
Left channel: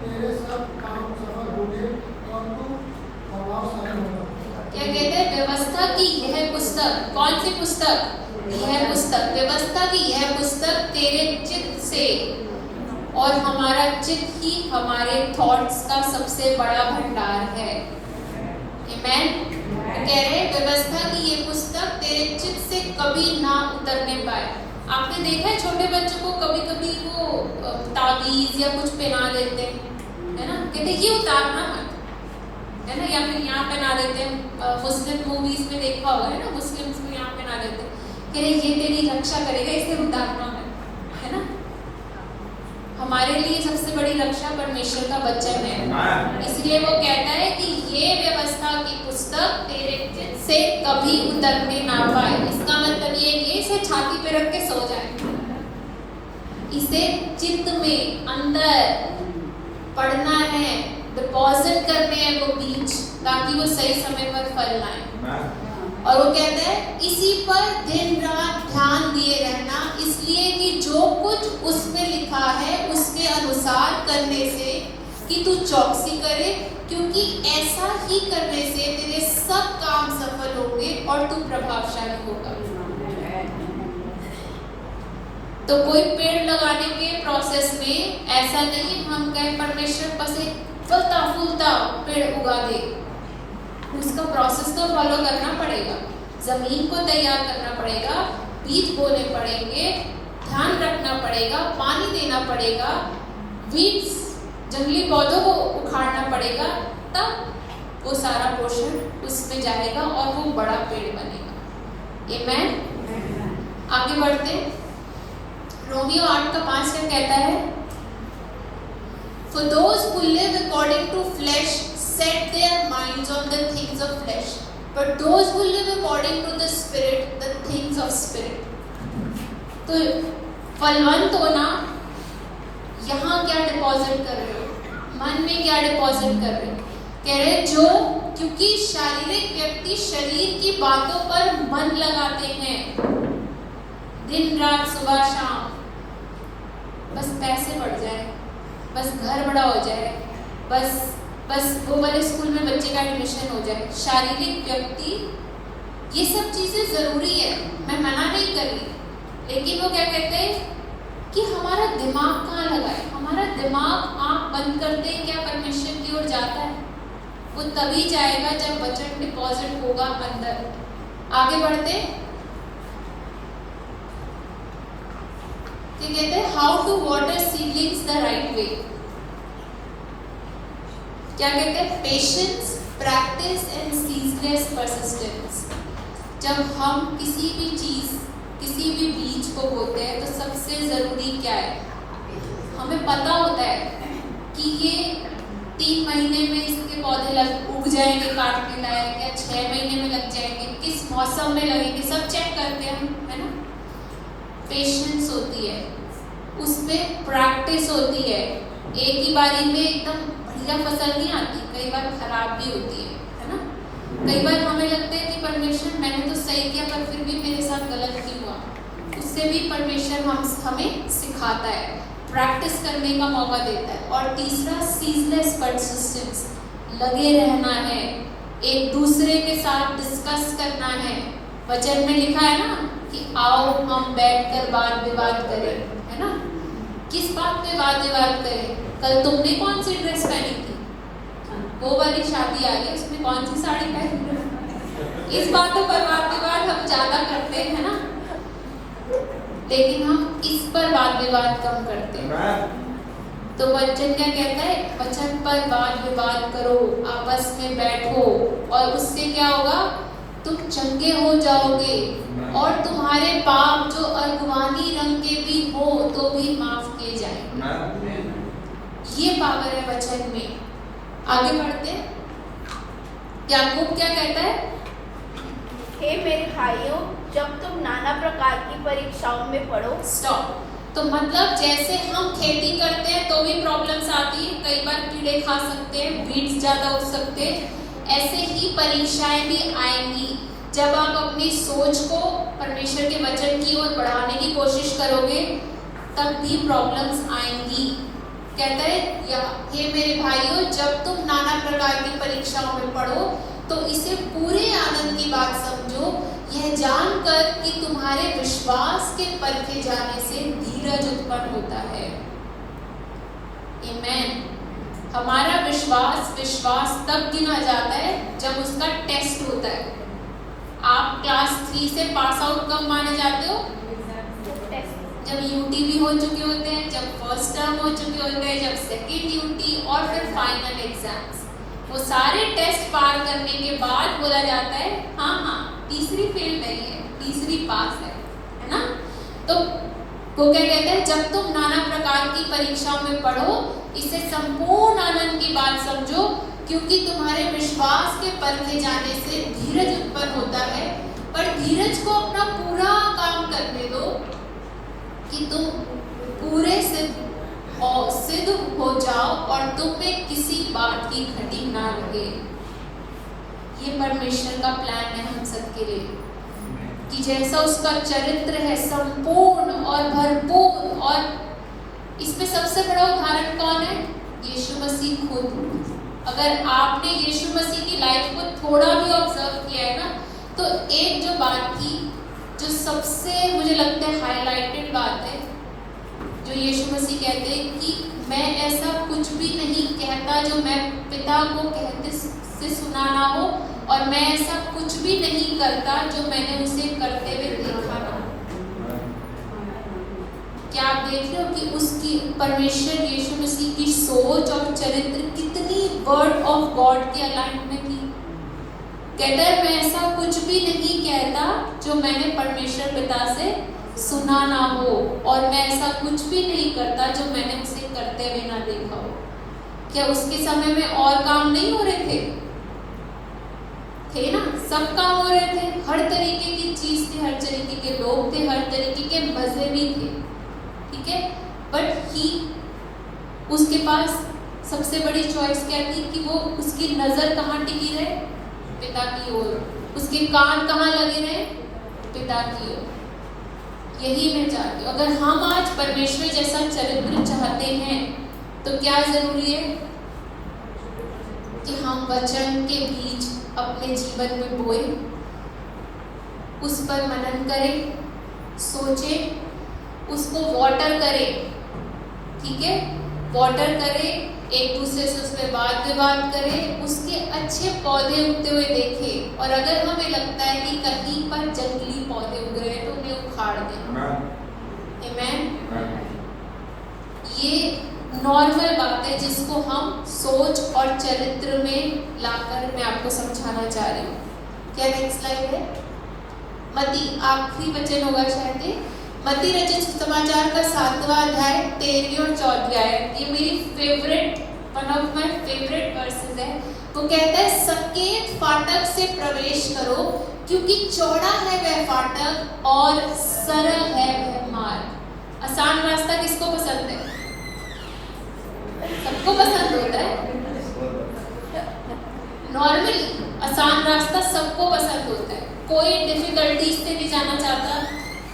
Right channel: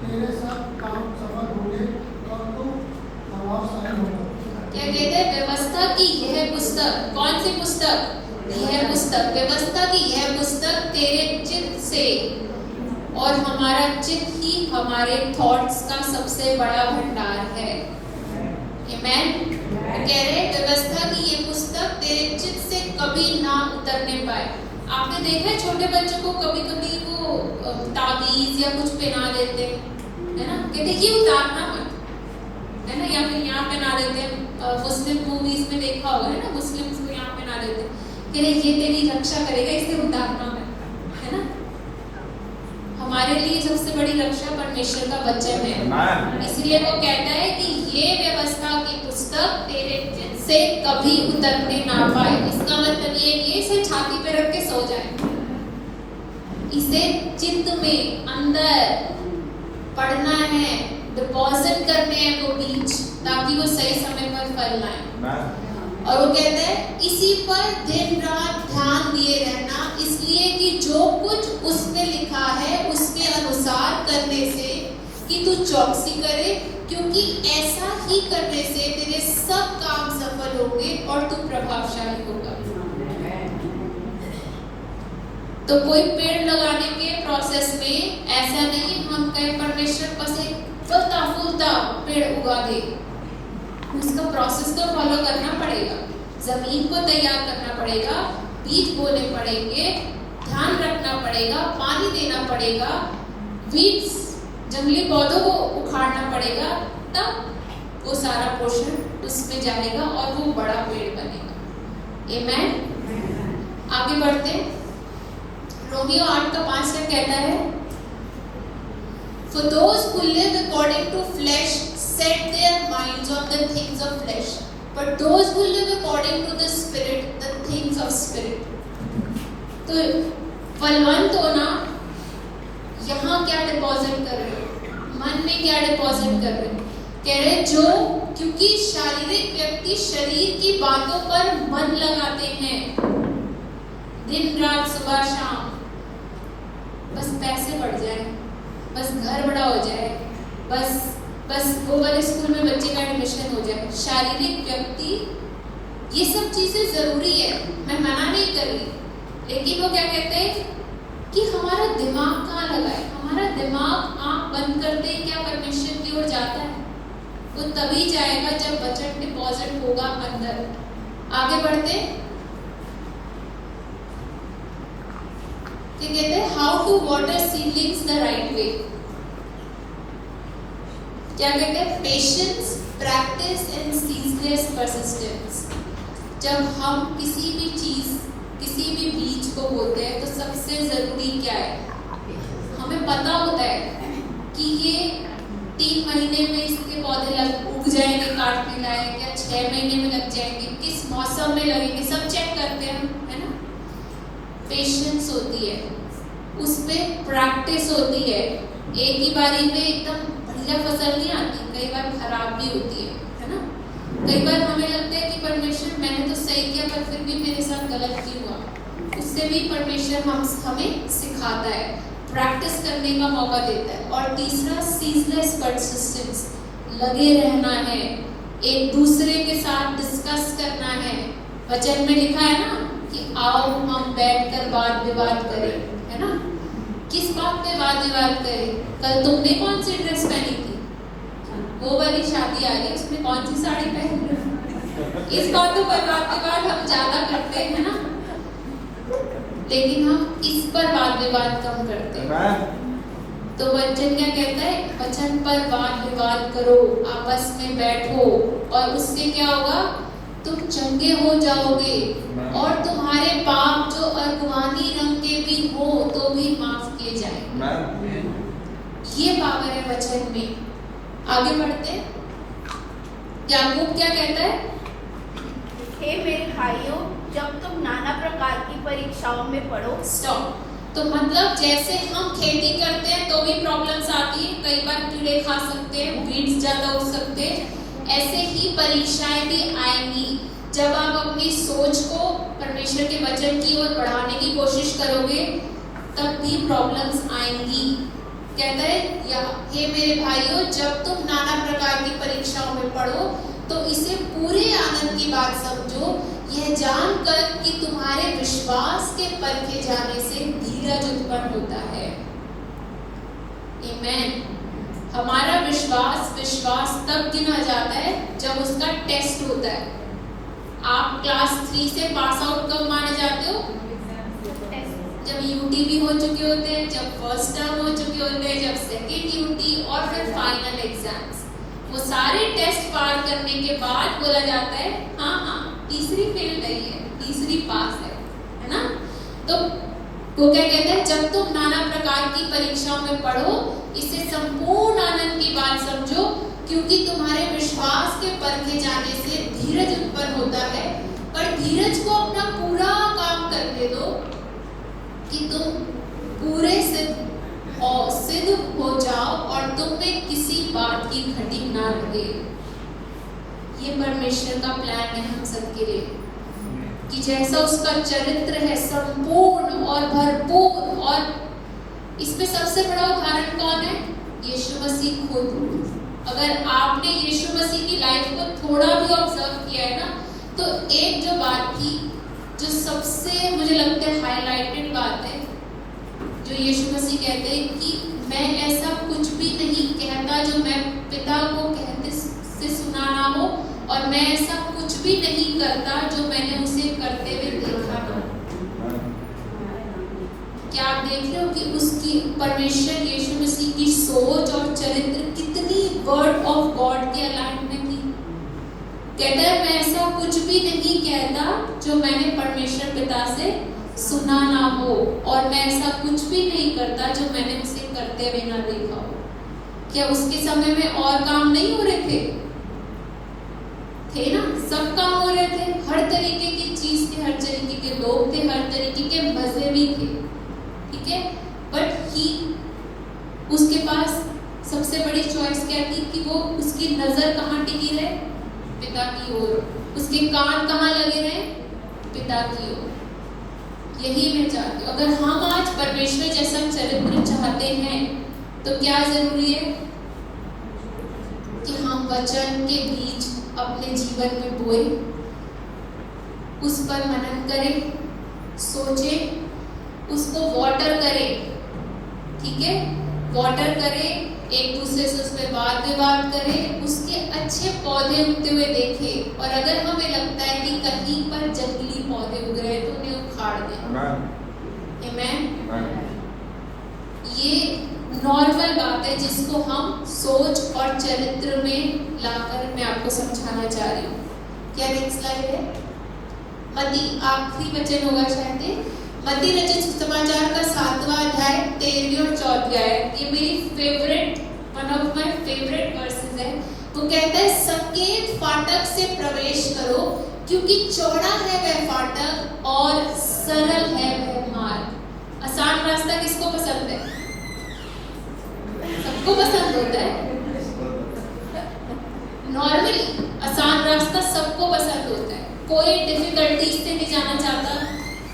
तेरे सब काम सफल होंगे और तू प्रभावशाली होगा। क्या कहते हैं? व्यवस्था की यह पुस्तक, कौन सी पुस्तक? यह पुस्तक, व्यवस्था की यह पुस्तक तेरे चित्त से, और हमारा चित्त ही हमारे थॉट्स का सबसे बड़ा भंडार है। आमीन। कह रहे हैं व्यवस्था की ये पुस्तक तेरे चित्त से कभी ना उतरने पाए। आपने देखा है छोटे बच्चों को कभी कभी वो ताबीज या कुछ पहना देते हैं, है ना, कहते ये उतारना मत, है ना, या फिर यहाँ पहना देते हैं। मुस्लिम मूवीज में देखा होगा, है ना, मुस्लिम्स को यहाँ पहना देते हैं, कह रहे ये तेरी रक्षा करेगा, इसे उतारना मत, है ना। हमारे लिए सबसे बड़ी रक्षा परमेश्वर का वचन है, इसलिए वो कहता है कि ये व्यवस्था की पुस्तक तेरे चित्त से कभी उतरने ना पाए। इसका मतलब ये नहीं है इसे छाती पे रख के सो जाए, इसे चित्त में अंदर पढ़ना है, डिपॉजिट करने हैं वो बीज, ताकि वो सही समय पर फल लाए। और वो कहते हैं इसी पर दिन रात ध्यान दिए रहना, इसलिए कि जो कुछ उसमें लिखा है उसके अनुसार करने से कि तू चौकसी करे, क्योंकि ऐसा ही करने से तेरे सब काम सफल होंगे और तू प्रभावशाली होगा। तो कोई पेड़ लगाने के प्रोसेस में ऐसा नहीं हम कहें परमेश्वर बस एक फलता फूलता पेड़ उगा दे, उसका प्रोसेस तो फॉलो करना पड़ेगा, जमीन को तैयार करना पड़ेगा, बीज बोने पड़ेंगे, ध्यान रखना पड़ेगा, पानी देना पड़ेगा, वीड्स जंगली पौधों को उखाड़ना पड़ेगा, तब वो सारा पोषण उसमें जाएगा और वो बड़ा पेड़ बनेगा। आमेन। आगे बढ़ते रोमियो 8:5 कहता है For those who live according to flesh set their minds on the things of flesh, but those who live according to the spirit, the things of spirit. तो फलवंत होना, यहाँ क्या डिपॉजिट कर रहे हो, मन में क्या डिपॉजिट कर रहे हो, कह रहे जो, क्योंकि शारीरिक व्यक्ति शरीर की बातों पर मन लगाते हैं दिन रात सुबह शाम, बस पैसे बढ़ जाए, बस घर बड़ा हो जाए, बस वो वाले स्कूल में बच्चे का एडमिशन हो जाए। शारीरिक व्यक्ति, ये सब चीजें जरूरी है, मैं मना नहीं कर रही, लेकिन वो क्या कहते हैं कि हमारा दिमाग कहाँ लगा है, हमारा दिमाग आंख बंद करते ही क्या परमेश्वर की ओर जाता है, वो तभी जाएगा जब बजट डिपॉजिट होगा अंदर। आगे बढ़ते कहते हैं how to water seedlings the right way. क्या कहते हैं, patience, practice and ceaseless persistence. जब हम किसी भी चीज, किसी भी बीज को बोते हैं तो सबसे जरूरी क्या है, हमें पता होता है कि ये 3 महीने में इसके पौधे उग जाएंगे, काटने लायक, या 6 महीने में लग जाएंगे, किस मौसम में लगेंगे, सब चेक करते हैं हम, है ना। पेशेंस होती है, उसमें प्रैक्टिस होती है, एक ही बारी में एकदम बढ़िया फसल नहीं आती, कई बार खराब भी होती है ना। कई बार हमें लगता है कि परमेश्वर मैंने तो सही किया पर फिर भी मेरे साथ गलत क्यों हुआ, उससे भी परमेश्वर हमें सिखाता है, प्रैक्टिस करने का मौका देता है। और तीसरा सीजलेस परसिस्टेंस, लगे रहना है, एक दूसरे के साथ डिस्कस करना है। वचन में लिखा है ना कि आओ हम बैठकर वाद विवाद करें, है ना। किस बात पे वाद विवाद करें, कल तुमने कौन सी ड्रेस पहनी थी, वो वाली शादी आ गई उसमें कौन सी साड़ी पहनी, इस बातों पर वाद विवाद हम ज्यादा करते हैं ना, लेकिन हम इस पर वाद विवाद कम करते हैं। तो वचन क्या कहता है, वचन पर वाद विवाद करो, आपस में बैठो, और उससे क्या होगा, तुम चंगे हो जाओगे और तुम्हारे पाप जो अर्गवानी रंग के भी हो तो भी माफ किए जाएंगे। ये पावर है वचन में। आगे बढ़ते याकूब क्या कहता है, हे मेरे भाइयों, जब तुम नाना प्रकार की परीक्षाओं में पढ़ो। स्टॉप। तो मतलब जैसे हम खेती करते हैं तो भी प्रॉब्लम्स आती है, कई बार कीड़े खा सकते हैं, वीड्स ज्यादा हो सकते हैं, ऐसे ही परीक्षाएं भी आएंगी। जब आप अपनी सोच को परमेश्वर के वचन की ओर बढ़ाने की कोशिश करोगे तब भी प्रॉब्लम्स आएंगी। कहते हैं ये मेरे भाइयों, जब तुम नाना प्रकार की परीक्षाओं में पढ़ो तो इसे पूरे आनंद की बात समझो, यह जानकर कि तुम्हारे विश्वास के परखे जाने से धीरज उत्पन्न होता है। आमीन। हमारा विश्वास तब गिना जाता है जब उसका टेस्ट होता है। आप क्लास 3 से पास आउट कब माने जाते हो? जब यूटी हो चुके होते हैं, जब फर्स्ट टर्म हो चुके होते हैं, जब सेकेंड यूटी और फिर फाइनल एग्जाम्स। वो सारे टेस्ट पार करने के बाद बोला जाता है हाँ तीसरी फेल नहीं है, तीसरी पास है ना? तो वो क्या कहते हैं, जब तुम नाना प्रकार की परीक्षा में पढ़ो, इसे संपूर्ण आनंद की बात समझो, क्योंकि तुम्हारे विश्वास के परखे जाने से धीरज उत्पन्न होता है। पर धीरज को अपना पूरा काम करने दो कि तुम पूरे सिद्ध हो जाओ और तुम्हें किसी बात की घटी ना लगे। ये परमेश्वर का प्लान है हम सबके लिए कि जैसा उसका चरित्र है संपूर्ण और भरपूर। और इसमें सबसे बड़ा उदाहरण कौन है? यीशु मसीह खुद। अगर आपने यीशु मसीह की लाइफ को थोड़ा भी ऑब्जर्व किया है ना, तो एक जो बात थी जो सबसे मुझे लगता है हाईलाइटेड बात है, जो यीशु मसीह कहते हैं कि मैं ऐसा कुछ भी नहीं कहता जो मैं पिता को कहते से सुना ना हो, और मैं ऐसा कुछ भी नहीं करता जो मैंने उसे करते हुए देखा ना। क्या आप देख रहे हो कि उसकी परमेश्वर यीशु मसीह की सोच और चरित्र कितनी वर्ड ऑफ गॉड के अलाइनमेंट थी। कहता है मैं ऐसा कुछ भी नहीं कहता जो मैंने परमेश्वर पिता से सुना ना हो, और मैं ऐसा कुछ भी नहीं करता जो मैंने उसे करते हुए ना देखा हो। क्या उसके समय में और काम नहीं हो रहे थे ना? सब काम हो रहे थे, हर तरीके की चीज थी, हर तरीके के लोग थे, हर तरीके के मजे भी थे, ठीक है। बट ही उसके पास सबसे बड़ी चॉइस क्या थी कि वो उसकी नजर कहाँ टिकी रहे? पिता की ओर। उसके कान कहाँ लगे रहे? पिता की ओर। यही मैं चाहती हूँ। अगर हम आज परमेश्वर जैसा चरित्र चाहते हैं तो क्या जरूरी है कि हम वचन के बीज अपने जीवन में बोए, उस पर मनन करें, सोचें, उसको वाटर करें, ठीक है, वाटर करें, एक दूसरे से उस पर बात विवाद करें, उसके अच्छे पौधे उगते हुए देखें। और अगर हमें लगता है कि कहीं पर जंगली पौधे उग रहे हैं तो उन्हें उखाड़ दें। आमीन। ये नॉर्मल बात है जिसको हम सोच और चरित्र में लाकर मैं आपको समझाना चाह रही हूँ। क्या नेक्स्ट स्लाइड है? मत्ती आखिरी वचन होगा शायद। मत्ती रचित समाचार का 7वां अध्याय 13वीं और 4वीं आयत। ये मेरी favourite, one of my favourite versus है। तो कहता है सकेत फाटक से प्रवेश करो, क्योंकि चौड़ा है वह फाटक और सरल है वह मार्ग। आसान रास्ता किसको पसंद है? सबको पसंद होता है। नॉर्मली आसान रास्ता सबको पसंद होता है। कोई डिफिकल्टीज से नहीं जाना चाहता,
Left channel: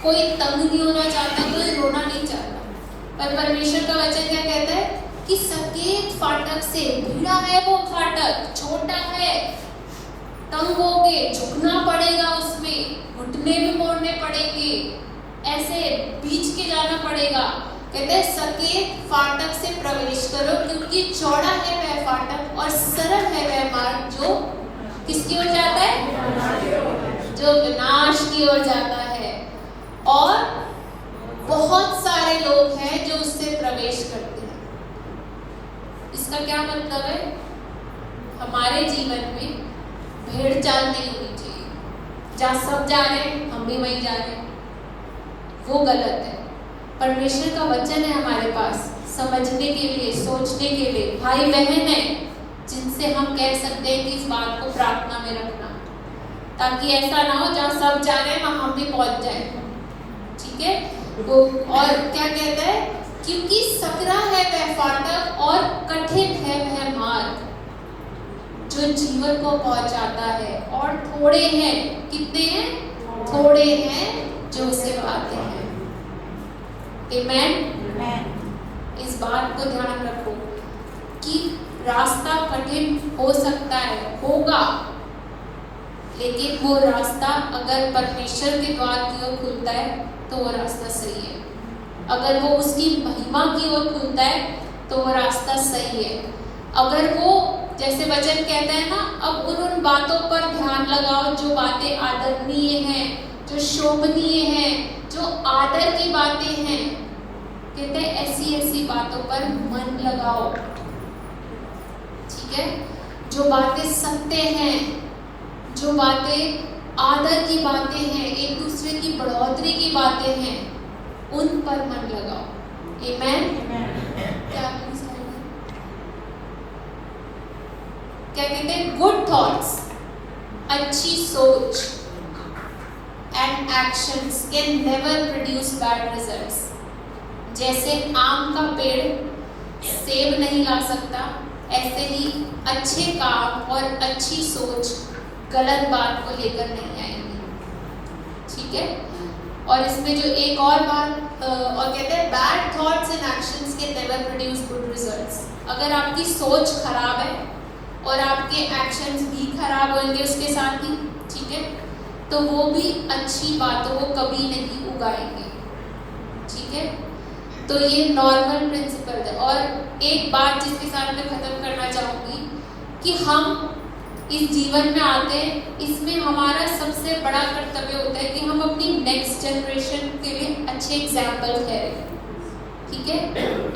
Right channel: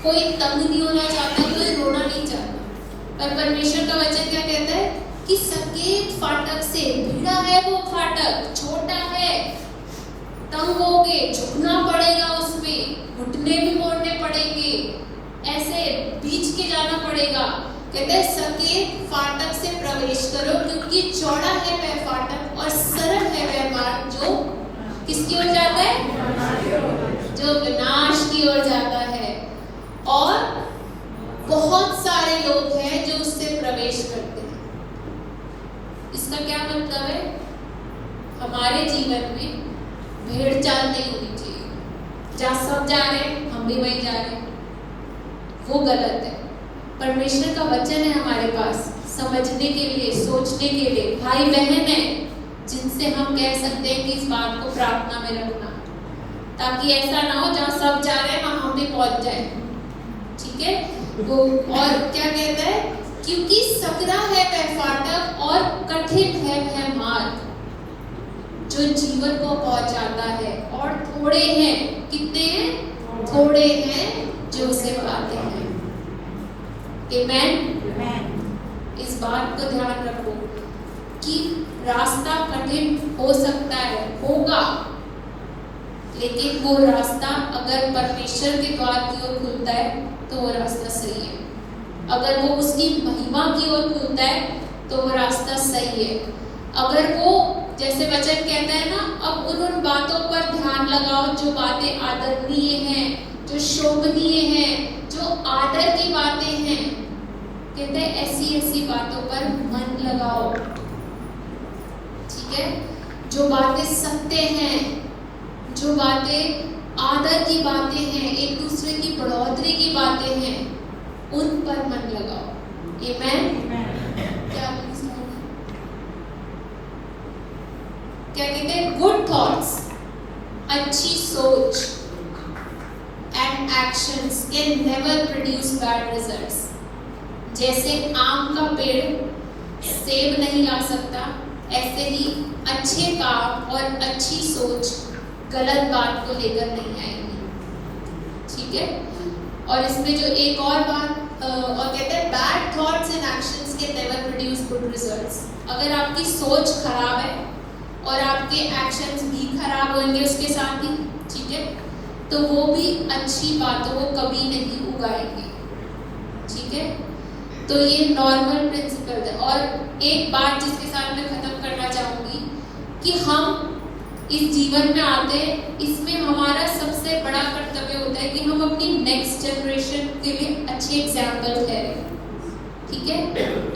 कोई तंग नहीं होना चाहता, कोई रोना नहीं चाहता। पर परमेश्वर का वचन क्या कहता है कि सकेत फाटक से, भिड़ा है वो फाटक, छोटा है, तंग होगे, झुकना पड़ेगा, उसमें घुटने भी मोड़ने पड़ेंगे, ऐसे बीच के जाना पड़ेगा। कहते हैं सकेत फाटक से प्रवेश करो, क्योंकि चौड़ा है वह फाटक और सरल है वह मार्ग जो किसकी ओर जाता है? जो विनाश की ओर जाता है। और बहुत सारे लोग हैं जो उससे प्रवेश करते हैं। इसका क्या मतलब है? हमारे जीवन में भेड़ चाल नहीं होनी चाहिए। जहाँ सब जा रहे हैं हम भी वहीं जा रहे हैं, वो गलत है। परमेश्वर का वचन है हमारे पास समझने के लिए, सोचने के लिए। भाई बहन है जिनसे हम कह सकते हैं कि इस बात को प्रार्थना में रखना, ताकि ऐसा ना हो जहाँ सब जा रहे हैं वहां हम भी पहुंच जाए, ठीक है। वो और क्या कहता है? क्योंकि सकरा है वह फाटक और कठिन है वह मार्ग जो जीवन को पहुंचाता है, और थोड़े हैं, कितने हैं? थोड़े हैं जो उसे पाते हैं। आमीन। इस बात को ध्यान रखो कि रास्ता कठिन हो सकता है, होगा, लेकिन वो रास्ता अगर परमेश्वर के द्वार की ओर खुलता है तो वो रास्ता सही है। अगर वो उसकी महिमा की ओर खुलता है तो वो रास्ता सही है। अगर वो जैसे वचन कहता है ना, अब उन बातों पर ध्यान लगाओ जो बातें आदरणीय हैं, जो शोभनीय हैं, जो आदर की बातें हैं। कहते हैं ऐसी ऐसी बातों पर मन लगाओ, ठीक है। जो बातें सत्य हैं, जो बातें आदर की बातें हैं, एक दूसरे की बढ़ोतरी की बातें हैं, उन पर मन लगाओ। आमेन। क्या कहते हैं? गुड थॉट्स, अच्छी सोच and actions can never produce bad results. जैसे आम का पेड़ सेब नहीं ला सकता, ऐसे ही अच्छे काम और अच्छी सोच गलत बात को लेकर नहीं आएंगी, ठीक है। और इसमें जो एक और बात और कहते हैं bad thoughts and actions can never produce good results. अगर आपकी सोच खराब है और आपके एक्शंस भी खराब होंगे उसके साथ ही, ठीक है, तो वो भी अच्छी बातों को कभी नहीं उगाएंगे, ठीक है। तो ये नॉर्मल प्रिंसिपल है। और एक बात जिसके साथ मैं खत्म करना चाहूंगी कि हम इस जीवन में आते हैं, इसमें हमारा सबसे बड़ा कर्तव्य होता है कि हम अपनी नेक्स्ट जनरेशन के लिए अच्छे एग्जाम्पल है, ठीक है।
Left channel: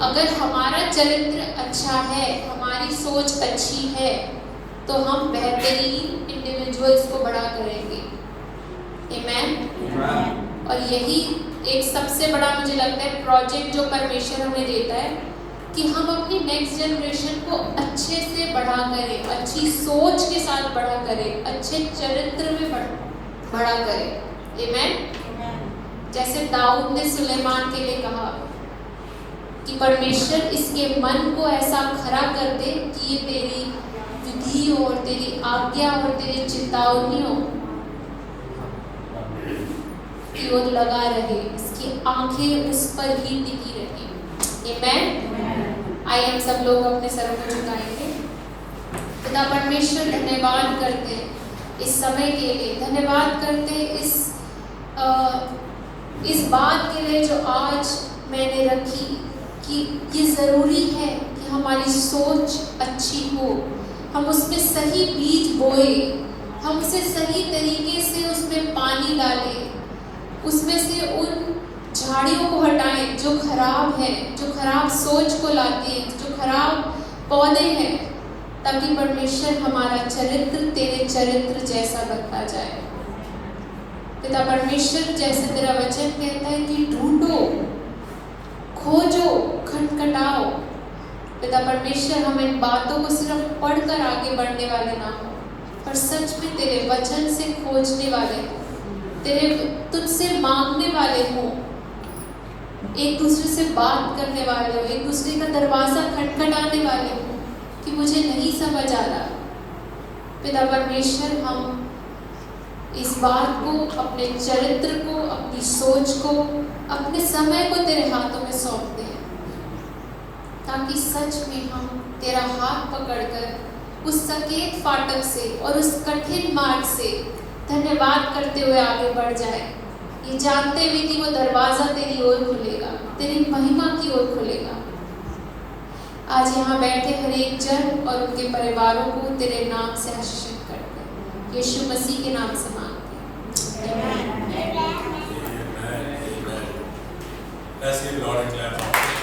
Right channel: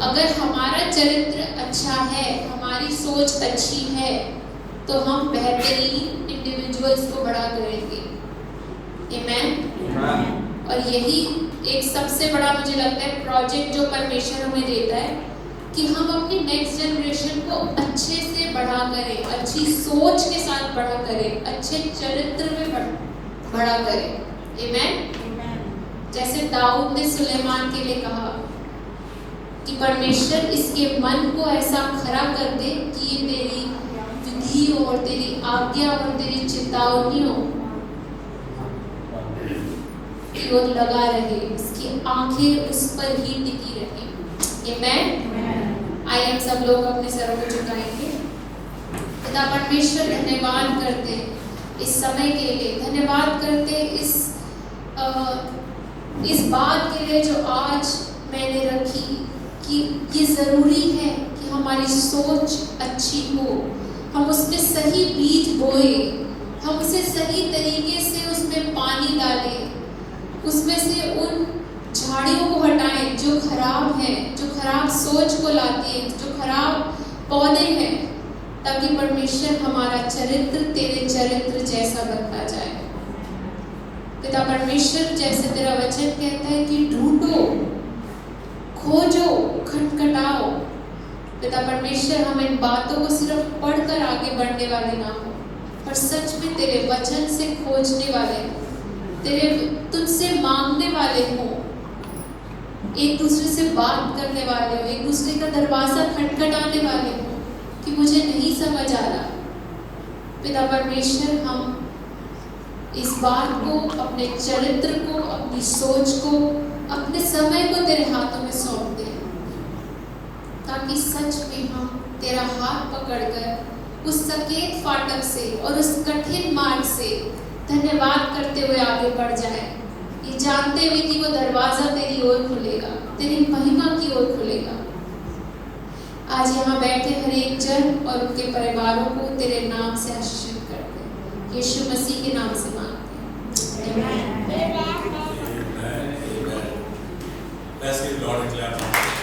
अगर हमारा चरित्र अच्छा है, हमारी सोच अच्छी है, तो हम बेहतरीन इंडिविजुअल्स को बड़ा करेंगे। आमेन। और यही एक सबसे बड़ा मुझे लगता है प्रोजेक्ट जो परमेश्वर हमें देता है कि हम अपनी नेक्स्ट जनरेशन को अच्छे से बड़ा करें, अच्छी सोच के साथ बड़ा करें, अच्छे चरित्र में बड़ा करें। आमेन। जैसे दाऊद ने सुलेमान के लिए कहा कि परमेश्वर इसके मन को ऐसा खरा कर दे कि ये तेरी विधि और तेरी आज्ञा और तेरी चेतावनियों की ओर लगा रहे, इसकी आंखें उस पर ही टिकी रहे। आमेन। आइए सब लोग अपने सर को झुकाएंगे। पिता परमेश्वर धन्यवाद करते इस समय के लिए, धन्यवाद करते इस बात के लिए जो आज मैंने रखी कि ये जरूरी है कि हमारी सोच अच्छी हो, हम उसमें सही बीज बोए, हम उसे सही तरीके से उसमें पानी डालें, उसमें से उन झाड़ियों को हटाएं जो खराब है, जो खराब सोच को लाती है, जो खराब पौधे हैं, ताकि परमेश्वर हमारा चरित्र तेरे चरित्र जैसा बनता जाए। पिता परमेश्वर, जैसे तेरा वचन कहता है कि ढूंढो, खोजो, खटखटाओ। पिता परमेश्वर, हम इन बातों को सिर्फ पढ़कर आगे बढ़ने वाले ना हो, पर सच में तेरे वचन से खोजने वाले, तेरे तुझसे मांगने वाले हो, एक दूसरे से बात करने वाले हो, एक दूसरे का दरवाजा खटखटाने वाले हो कि मुझे नहीं समझ आ रहा। पिता परमेश्वर, हम इस बात को, अपने चरित्र को, अपनी सोच को, अपने समय को तेरे हाथों में सौंपते हैं, ताकि सच में हम तेरा हाथ पकड़कर उस सकेत फाटक से और उस कठिन मार्ग से धन्यवाद करते हुए आगे बढ़ जाए, ये जानते हुए कि वो दरवाजा तेरी ओर खुलेगा, तेरी महिमा की ओर खुलेगा। आज यहाँ बैठे हर एक जन और उनके परिवारों को तेरे नाम से आशीषित करते हैं, यीशु मसीह के नाम से मांगते हैं। Let's give the Lord a clap.